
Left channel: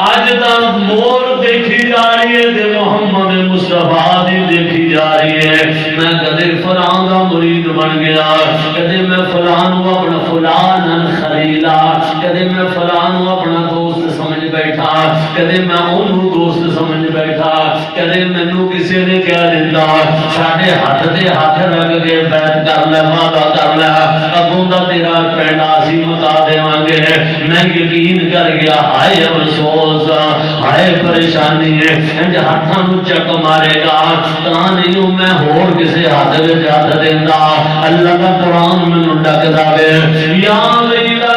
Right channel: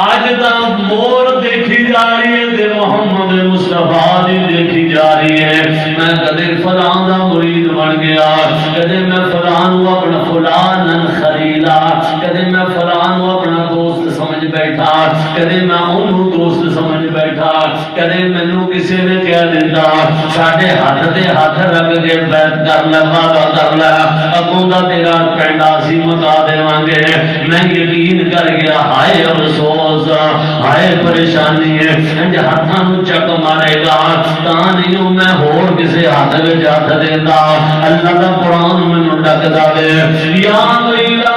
آج تا مور دیکھی جا رہی ہے تے محمد مصطفیٰ دی دیکھی جا رہی ہے، میں کدے فلاں دا مرید بن گیا، کدے میں فلاں اپنا فلانا خلیلا، کدے میں فلاں اپنا دوست سمجھ بیٹھا، کدے میں انہوں دوست سمجھ بیٹھا، کدے مینوں کسی نے کہہ دیتا ساڈے ہاتھ دے ہاتھ رکھ کے بیعت کر لے، وعدہ کر لے، اگوں دا تیرا پینڈا سی مکا دیواں گے، میں یقین کر گیا، ہائے افسوس، ہائے پریشانی ہے، انج ہاتھاں نوں چک مارے گا، تاں نہیں میں ہور کسے ہاتھ وچ ہاتھ دیندا، اللہ دا قرآن مینوں ڈکدا وے، یا ویلتا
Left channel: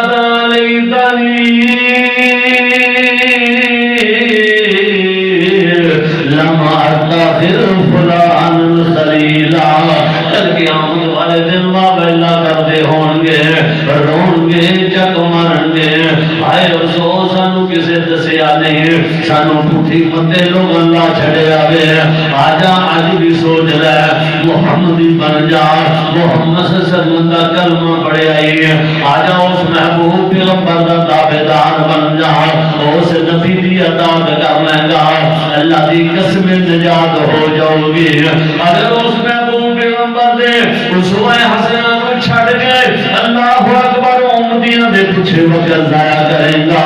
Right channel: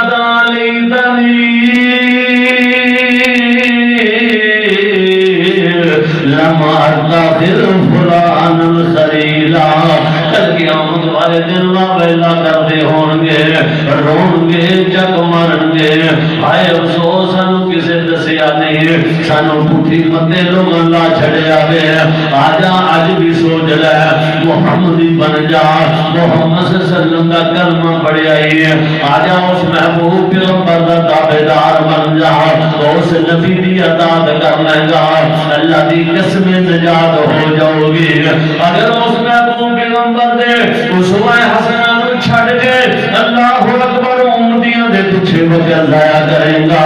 کلمہ ویلا کرتے ہون گے رون گے چک مارن گے ہائے افسوس سانو کسے دسیا نہیں سانو پٹھی متے لوگ اللہ چھڑیا وے آجا آج بھی سوچ لے محمدی بن جا محمد صلی اللہ علیہ وسلم کا کلمہ پڑھے آئی آجا اس محبوب پیغمبر کا تابعدار بن جا اس نبی دی اطاعت کر لے گا اللہ دی قسم نجات ہو جاؤ گی اگر اس محبوب پیغمبر دے اسوہ حسنہ کو چھڑ کے اللہ اکبر امتیاں دے پیچھے وقت ضائع کرے گا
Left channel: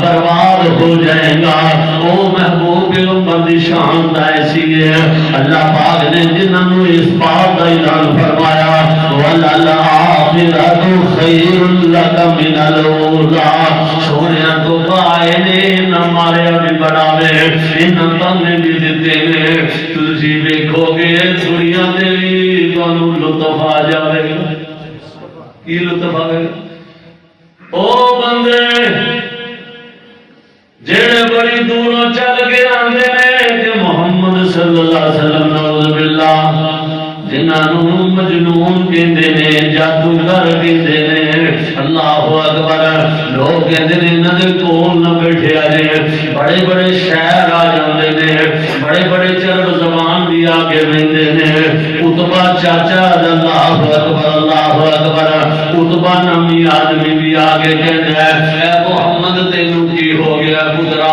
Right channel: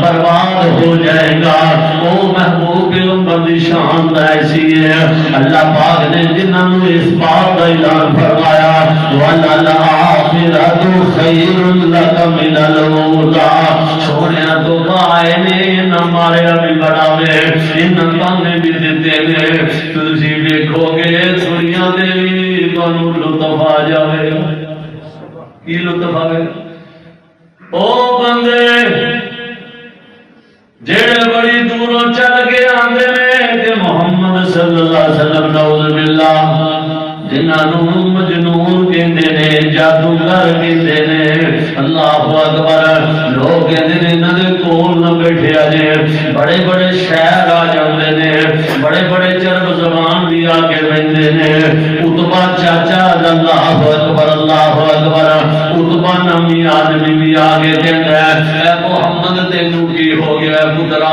برباد ہو جائے گا وہ محبوب پیغمبر دی شان ایسی ہے اللہ پاک نے جنہوں نے اس بات کا اعلان فرمایا وَلَلْآخِرَةُ خَيْرٌ لَكَ مِنَ الْأُولَىٰ سونیا تو پائے نے نہ مارے ابھی بڑھاوے ان تم بھی دیتے نے تجھے دیکھو گے دنیا دے بانو لطف آ جاوے کی لطف آوے او بندے جڑے بڑی دوروں چل کے آندے نے کہ محمد صلی اللہ علیہ وسلم نعوذ باللہ جنہوں مجنون کہندے نے جادوگر کہندے نے اللہ اکبر لوگ کہندے نے انہاں دے کول نہ بیٹھے آجے بڑے بڑے شہر آ جاندے نے بڑے بڑے چرب زبان بھی آ کے رہندے نے اتبا چاچا اللہ اکبر اتبا نمی آدمی بھی آگے کہندا ہے اے محمد تینوں کی ہو گیا پترا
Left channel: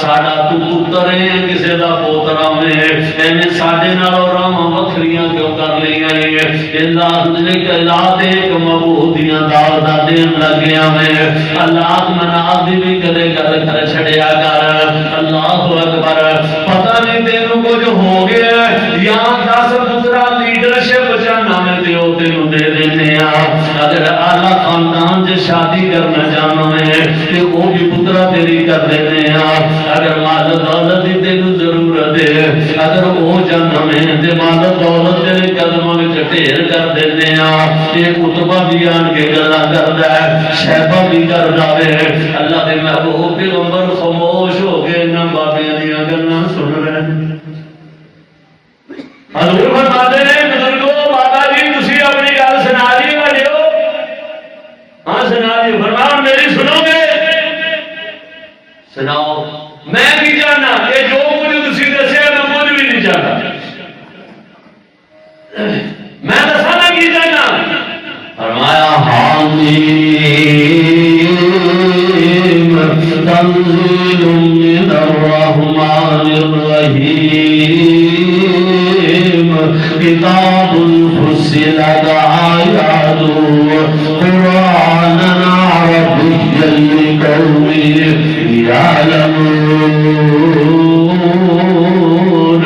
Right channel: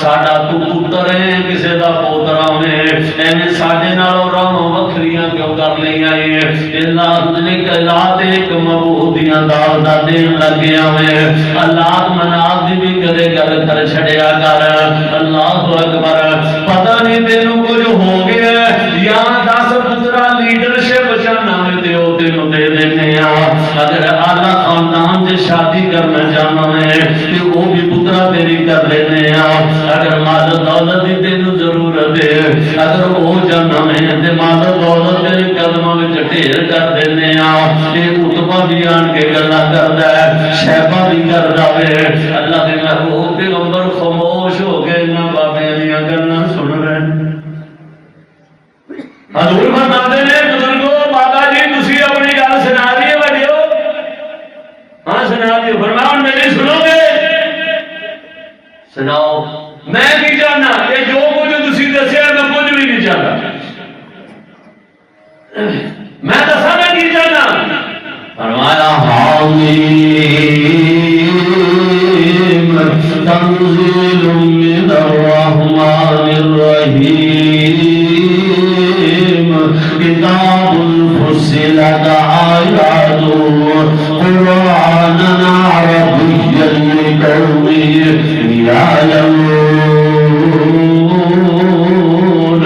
ساڈا تو پتر ہے کسے دا پوترا میں ایویں ساڈے نال راہ وکھریاں کیوں کر لیا ہے اللہ نے کلا دے ایک مبودیاں دار دا دین لگیا میں اللہ مناف دی بھی کدے گل کر چھڑیا کر اللہ اکبر پتہ نہیں تینوں کو جو ہو گیا یا 10 پترا لیڈرشپ چاہنا میں دیو تینوں دے دینے اگر اعلیٰ خاندان سے شادی کرنا چاہنا میں کہ وہ بھی پترا تیری کر دینے اگر مال دولت دی تینوں ضرورت ہے اگر وہ جانا میں مال دولت تیرے قدموں میں ڈھیر کر دینے یہ اتبا بھی آن کے گلا کردا ہے شہبہ بھی کردا ہے اللہ دے محبوب پیغمبر خاموش ہو گئے نہ بابیاں دیاں گلاں سن رہے حضور فرماتے ہیں بزرگوں بابا جی تسی اپنی گل سنا دیے بھائیو ہاں سنا دیو فرمان میری سنو گے سناؤ میں نہیں جاننا کہ جو کچھ تسی دسیا میں کچھ بھی نہیں جاننا میں دسا میں نہیں جاننا فرمایا حامیم تنزیل من الرحمن الرحیم کتاب فصلت آیاتہ قرآنا عربیا لقوم یعلمون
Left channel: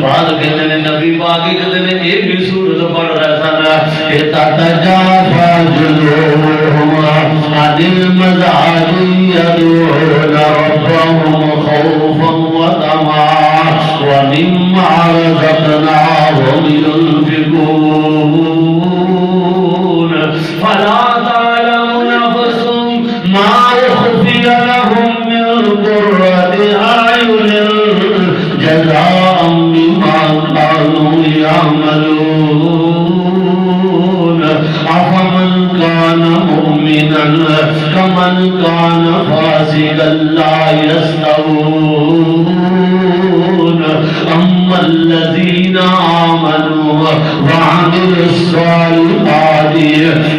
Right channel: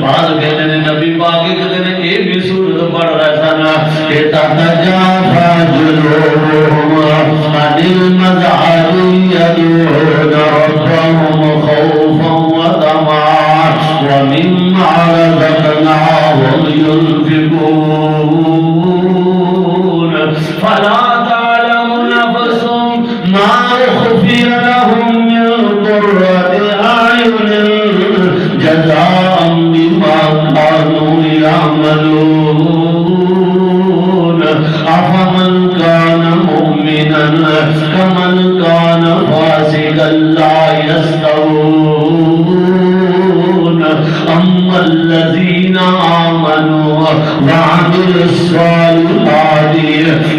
بعد کہتے ہیں نبی پاک کہتے ہیں ایک بھی سورت پڑھ رہا تھا نا کہ تتجافى جنوبهم عن المضاجع يدعون ربهم خوفا وطمعا ومما رزقناهم ينفقون فلا تعلم نفس ما أخفي لهم من قرة أعين جزاء بما كانوا يعملون أفمن كان مؤمنا كمن كان فاسقا لا يستوون أما الذين آمنوا وعملوا الصالحات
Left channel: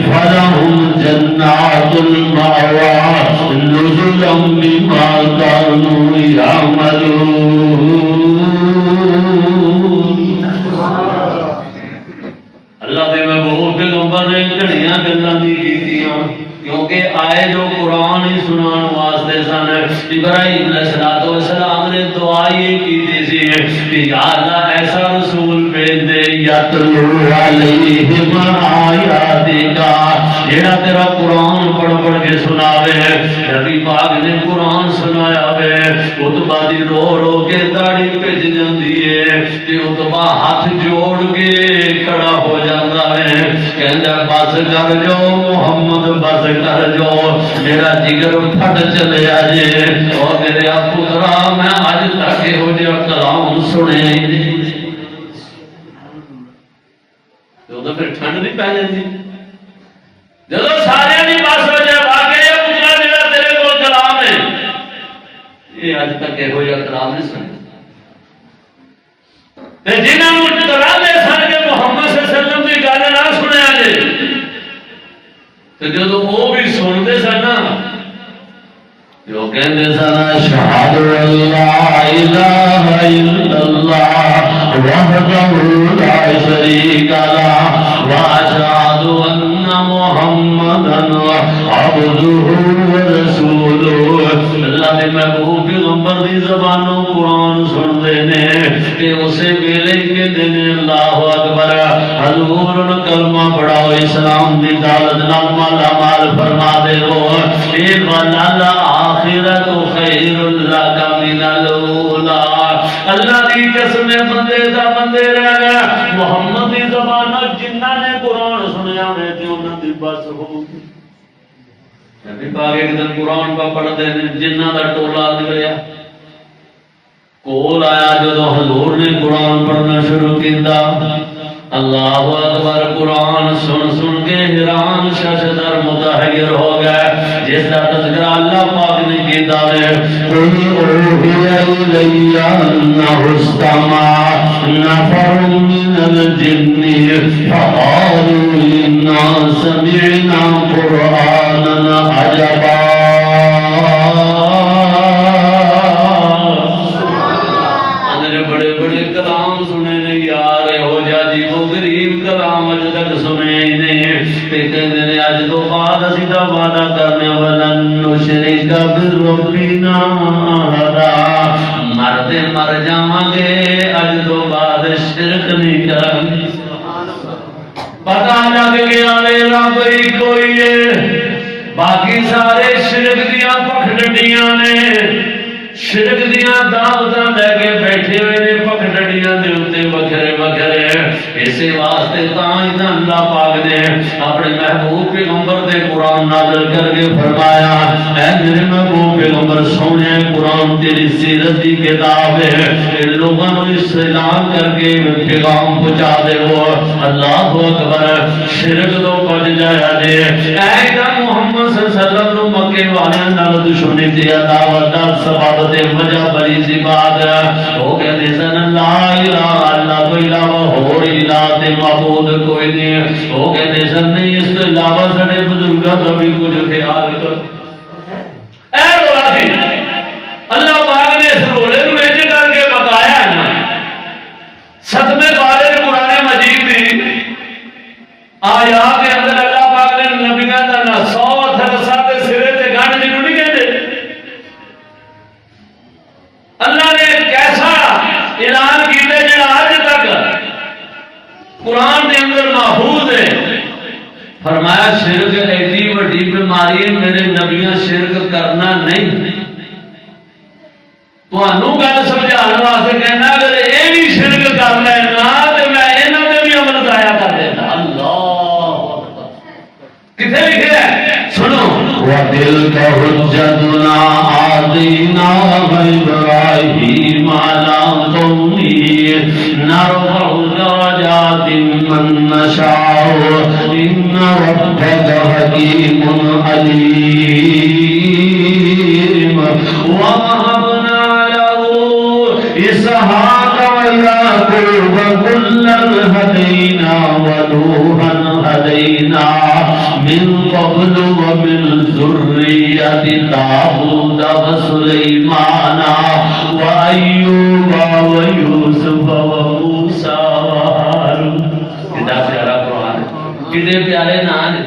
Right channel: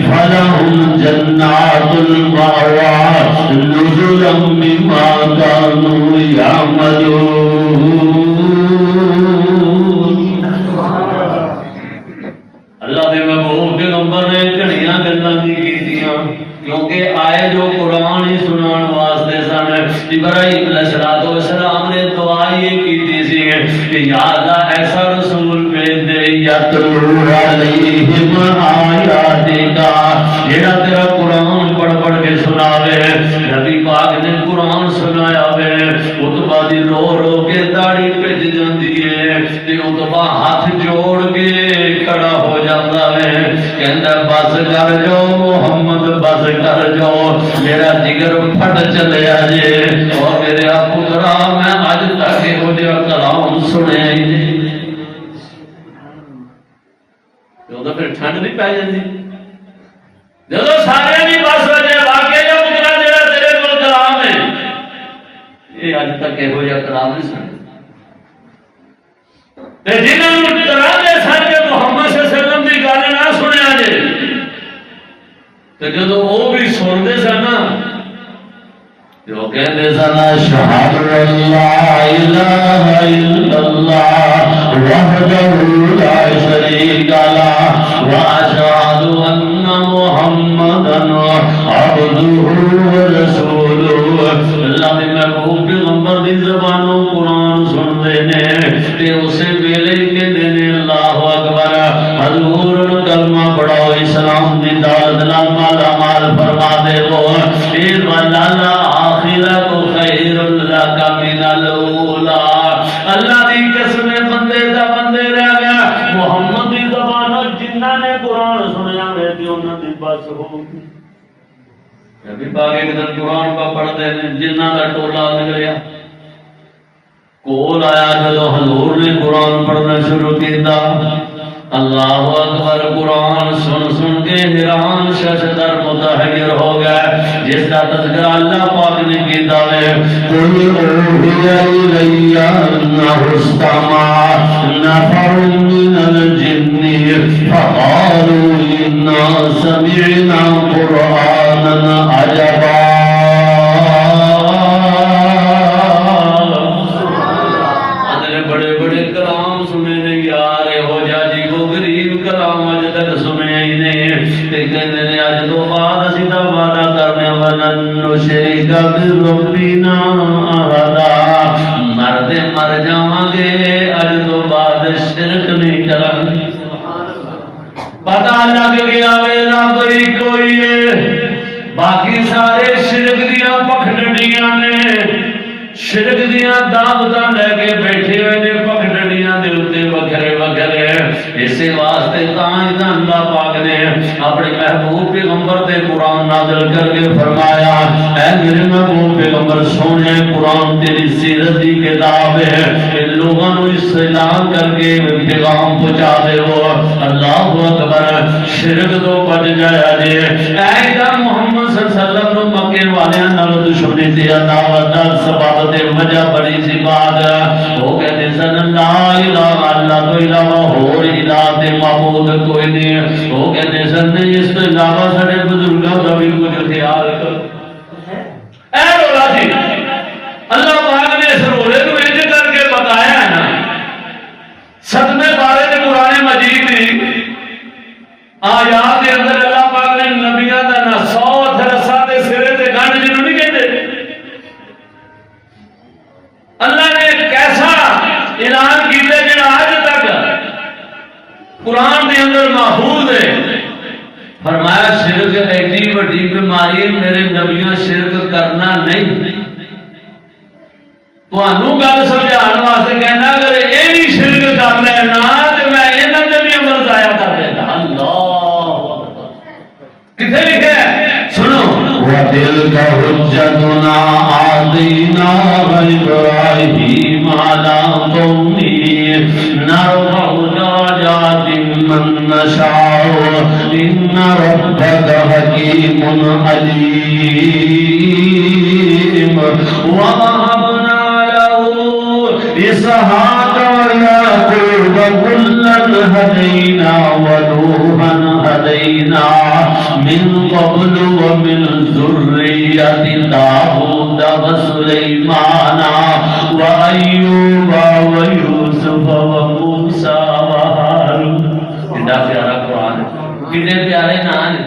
فلهم جنات المأوى نزلا بما كانوا يعملون اللہ دے محبوب پیغمبر نے گھڑیاں گلاں دی کیتیاں کیونکہ آئے جو قرآن ہی سنان واسطے سن ابراہیم علیہ السلام نے دعا یہ کیتی سی کہ یا اللہ ایسا رسول بھیج دے یتلو علیہم آیاتک جڑا تیرا قرآن پڑھ پڑھ کے سناوے نبی پاک نے قرآن سنایا وے اتبا دی رو رو کے داڑھی پھج جاندی ہے تے اتبا ہاتھ جوڑ کے کھڑا ہو جاتا ہے کہندا بس کر جو محمد بس کر جو میرا جگر پھٹ چلیا جے اور میرے پترا میں اج تک ہو جا کلام سنے تو پھر ٹھنڈ نہیں پی جاتی جب سارے بھی بس ہو جائے واقعی پترا جا تیرے کو کلام ہے یہ اج تک یہو جہا کلام نہیں سنیا جنہوں ڈرانے سن کے محمد صلی اللہ علیہ وسلم کی گل نہ سنیا جے تو جب وہ بھی سنتے سن نا جو کہتے سن اشہد ان لا الہ الا اللہ وحدہ لا شریک لہ واشہد ان محمدا عبدہ ورسولہ اللہ دے محبوب پیغمبر دی زبانوں قرآن سنتے ہیں تے اسے ویلے کہندے نے اللہ اکبر حضور کلمہ پڑھاؤ اسلام دی دولت نال مالا مال فرما دے وہ اے مولانا آخرت خیر لک من الاولی اللہ دی قسم بندے دا بندے رہ گیا محمد دی زبان جنہاں نے قرآن سنیا ہے تے انہاں دی بس ہو نبی پاک ایک دن قرآن پا پڑھ دے جنہاں دا ٹولا نکلیا کول آیا جدو حضور نے قرآن پڑھنا شروع کیتا اللہ اکبر قرآن سن سن کے حیران ششدر متحیر ہو گئے جس کا تذکرہ اللہ پاک نے کیتا ہے قل اوحی الی انہ استمع نفر من الجن فقالوا انا سمعنا قرآنا عجبا کلام سنے نہیں یار ہو جا جی وہ غریب کلام اج تک سنے ہی نہیں تے کہندے نے اج تو بعد اسی دا وعدہ کرنے ونن نشرک بربنا احدا مرتے مر جاواں گے اج تو بعد شرک نہیں کریں گے پتہ لگ گیا وے رب ہی کوئی ہے باقی سارے شرک دیاں پکھڑیاں نے شرک دیاں دعوتاں لے کے بیٹھے ہوئے نے پکڑڑیاں دے اوتے وکھرے وکھرے اسی واسطے تاں اللہ پاک نے اپنے محبوب پیغمبر دے قرآن نازل کر کے فرمایا اے میرے محبوب پیغمبر سونے قرآن تیری سیرت دی کتاب ہے لوگوں کو اعلان کر کے پیغام پہنچا دے وہ اللہ اکبر شرک تو بچ جایا جے اے محمد صلی اللہ علیہ وسلم مکے والیاں نال دشمنی دی دعوت دا سبب تے وجہ بڑی سی بات وہ کہتے سن لا الہ اللہ کو علاوہ اور الہ تے معبود کوئی نہیں وہ کہتے سن نہیں اس کے علاوہ سارے بزرگاں کا بھی کچھ خیال کرو اے رولا جی اللہ پاک نے اس رولے کو وچ کر کے بتایا ہے نا ستویں پارے قرآن مجید دی آیات کے اندر اللہ پاک نے نبیاں دا نا 100 رسا تے سرے تے گنڈ جنوں نہیں کہندے اللہ نے کیسا اعلان کیتے جڑا آج تک قرآن دے اندر محفوظ ہے فرمایا شرک ایڈی وڈی بیماری میرے نبیاں شرک کرنا نہیں تانوں گل سمجھان واسطے کہنا اگر یہ بھی شرک کر لینا تو میں انہاں تے بھی عمل ضائع کر دینا اللہ اکبر کتنے لکھا ہے سنو وَتِلْكَ حُجَّتُنَا آتَيْنَاهَا إِبْرَاهِيمَ عَلَىٰ قَوْمِهِ نَرْفَعُ دَرَجَاتٍ مَّن نَّشَاءُ إِنَّ رَبَّكَ حَكِيمٌ عَلِيمٌ وَوَهَبْنَا لَهُ إِسْحَاقَ وَيَعْقُوبَ كُلًّا هَدَيْنَا وَنُوحًا هَدَيْنَا من قبل ومن ذرية داود وسليمان وأيوب ويوسف وموسى وهارون کتنا پیارا قرآن ہے کتنے پیارے نام ہیں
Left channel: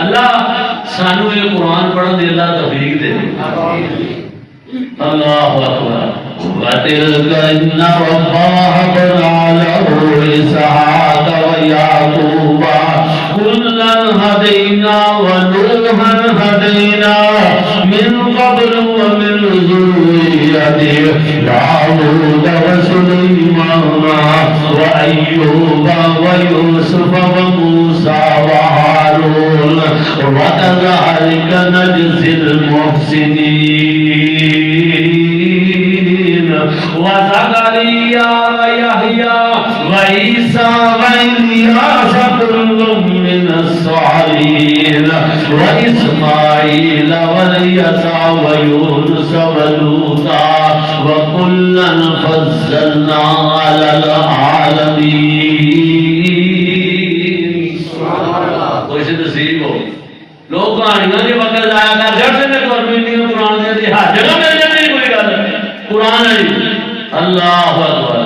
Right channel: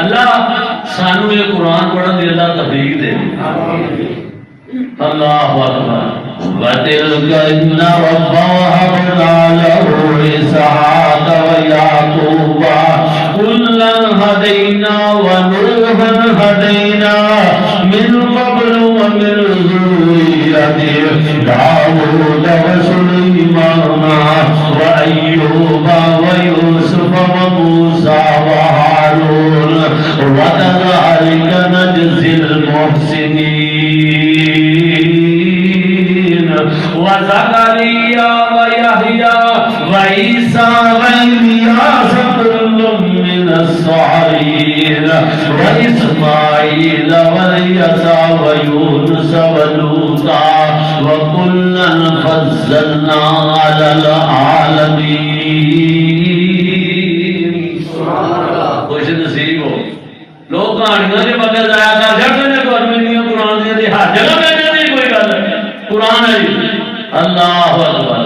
اللہ سانو یہ قرآن پڑھن دی اللہ توفیق دے اللہ اکبر وَتِلْكَ إِنَّ رَبَّهَا بَنَا لَهُ إِسْحَاقَ وَيَعْقُوبَ كُلًّا هَدَيْنَا وَنُوحًا هَدَيْنَا مِن قَبْلُ وَمِن ذُرِّيَّتِهِ دَاوُودَ وَسُلَيْمَانَ وَأَيُّوبَ وَيُوسُفَ وَمُوسَى وَهَارُونَ وَكَذَلِكَ نَجْزِي الْمُحْسِنِينَ وَزَكَرِيَّا وَيَحْيَىٰ وَعِيسَىٰ الصالحين وإسماعيل واليسع ويونس ولوطا وكلا فضلنا على العالمين. خوش نصیب ہو لوگ کہانیاں کے بغیر لایا کر جاتے ہیں گورنمنٹ نے قرآن کے ہر جگہ میں نہیں کوئی گل قرآن ہے. اللہ اکبر.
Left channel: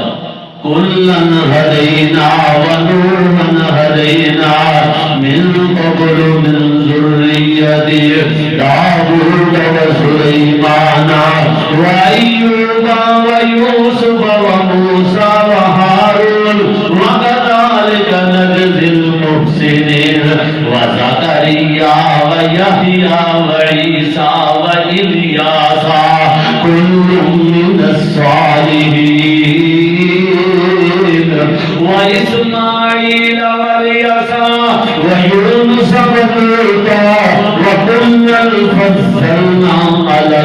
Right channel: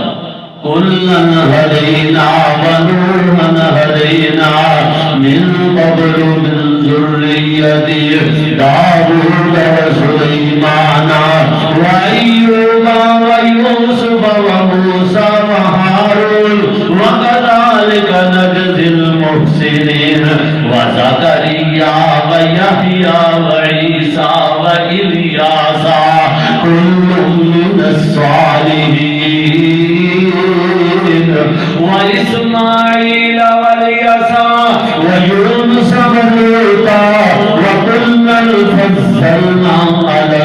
كلا هدينا ونوحا هدينا من قبل من ذريته داود وسليمان وأيوب ويوسف وموسى وهارون وكذلك نجزي المحسنين وزكريا ويحيى وعيسى وإلياس كل من الصالحين وإسماعيل واليسع ويونس ولوطا وكلا فضلنا على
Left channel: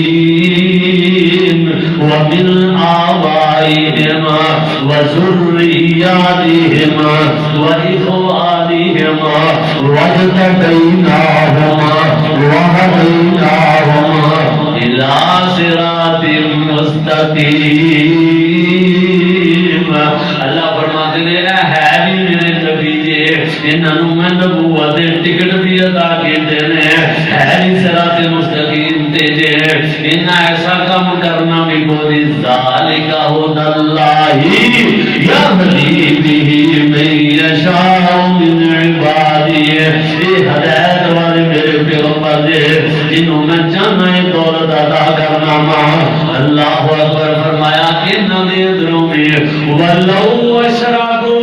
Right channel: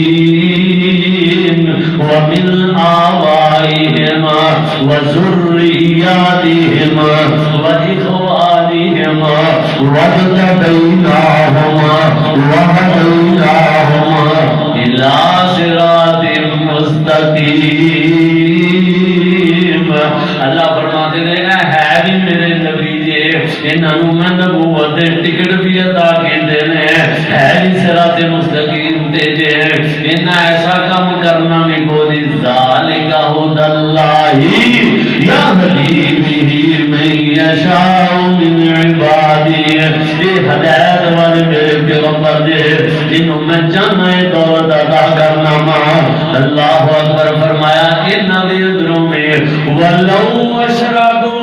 العالمين ومن آبائهما وذرياتهما وإخوانهما واجتبيناهما وهديناهما إلى صراط مستقيم. اللہ فرماتے ہیں اے ہے بھی میرے نبی جی انہوں میں نبوت ٹکٹ بھی عطا کیتے ہیں ہے بھی صراط مستقیم تے جے انہاں ایسا کام کرنا بھی کوئی ذالک ھدی اللہ یہدی بہ من یشاء من عبادہ. یہ ہدایت والے میرے پیغمبر جی جنہوں میں چاہنا ہے دولت عطا کرنا ماں. اللہ اکبر. فرمایا انہاں دے اندروں میں ولو اشراکو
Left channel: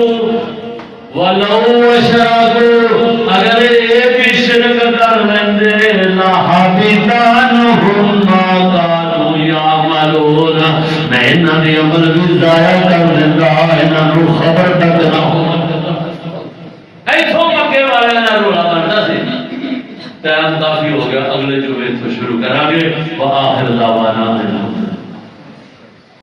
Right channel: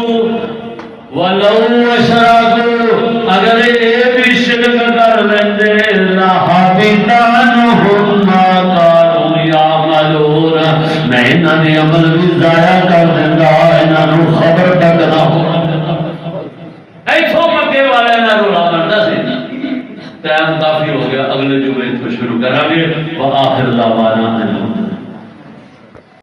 اگر یہ بھی شرک کر لیندے لحبط عنہم ما کانوا یعملون میں انہاں دے عمل بھی ضائع کر دیندا انہاں نوں خبر تک نہ ہو. ایتھوں مکے والے نہ رولا کردا سی. ٹائم کافی ہو گیا اگلے جمعے تو شروع کریں گے. وآخر دعوانا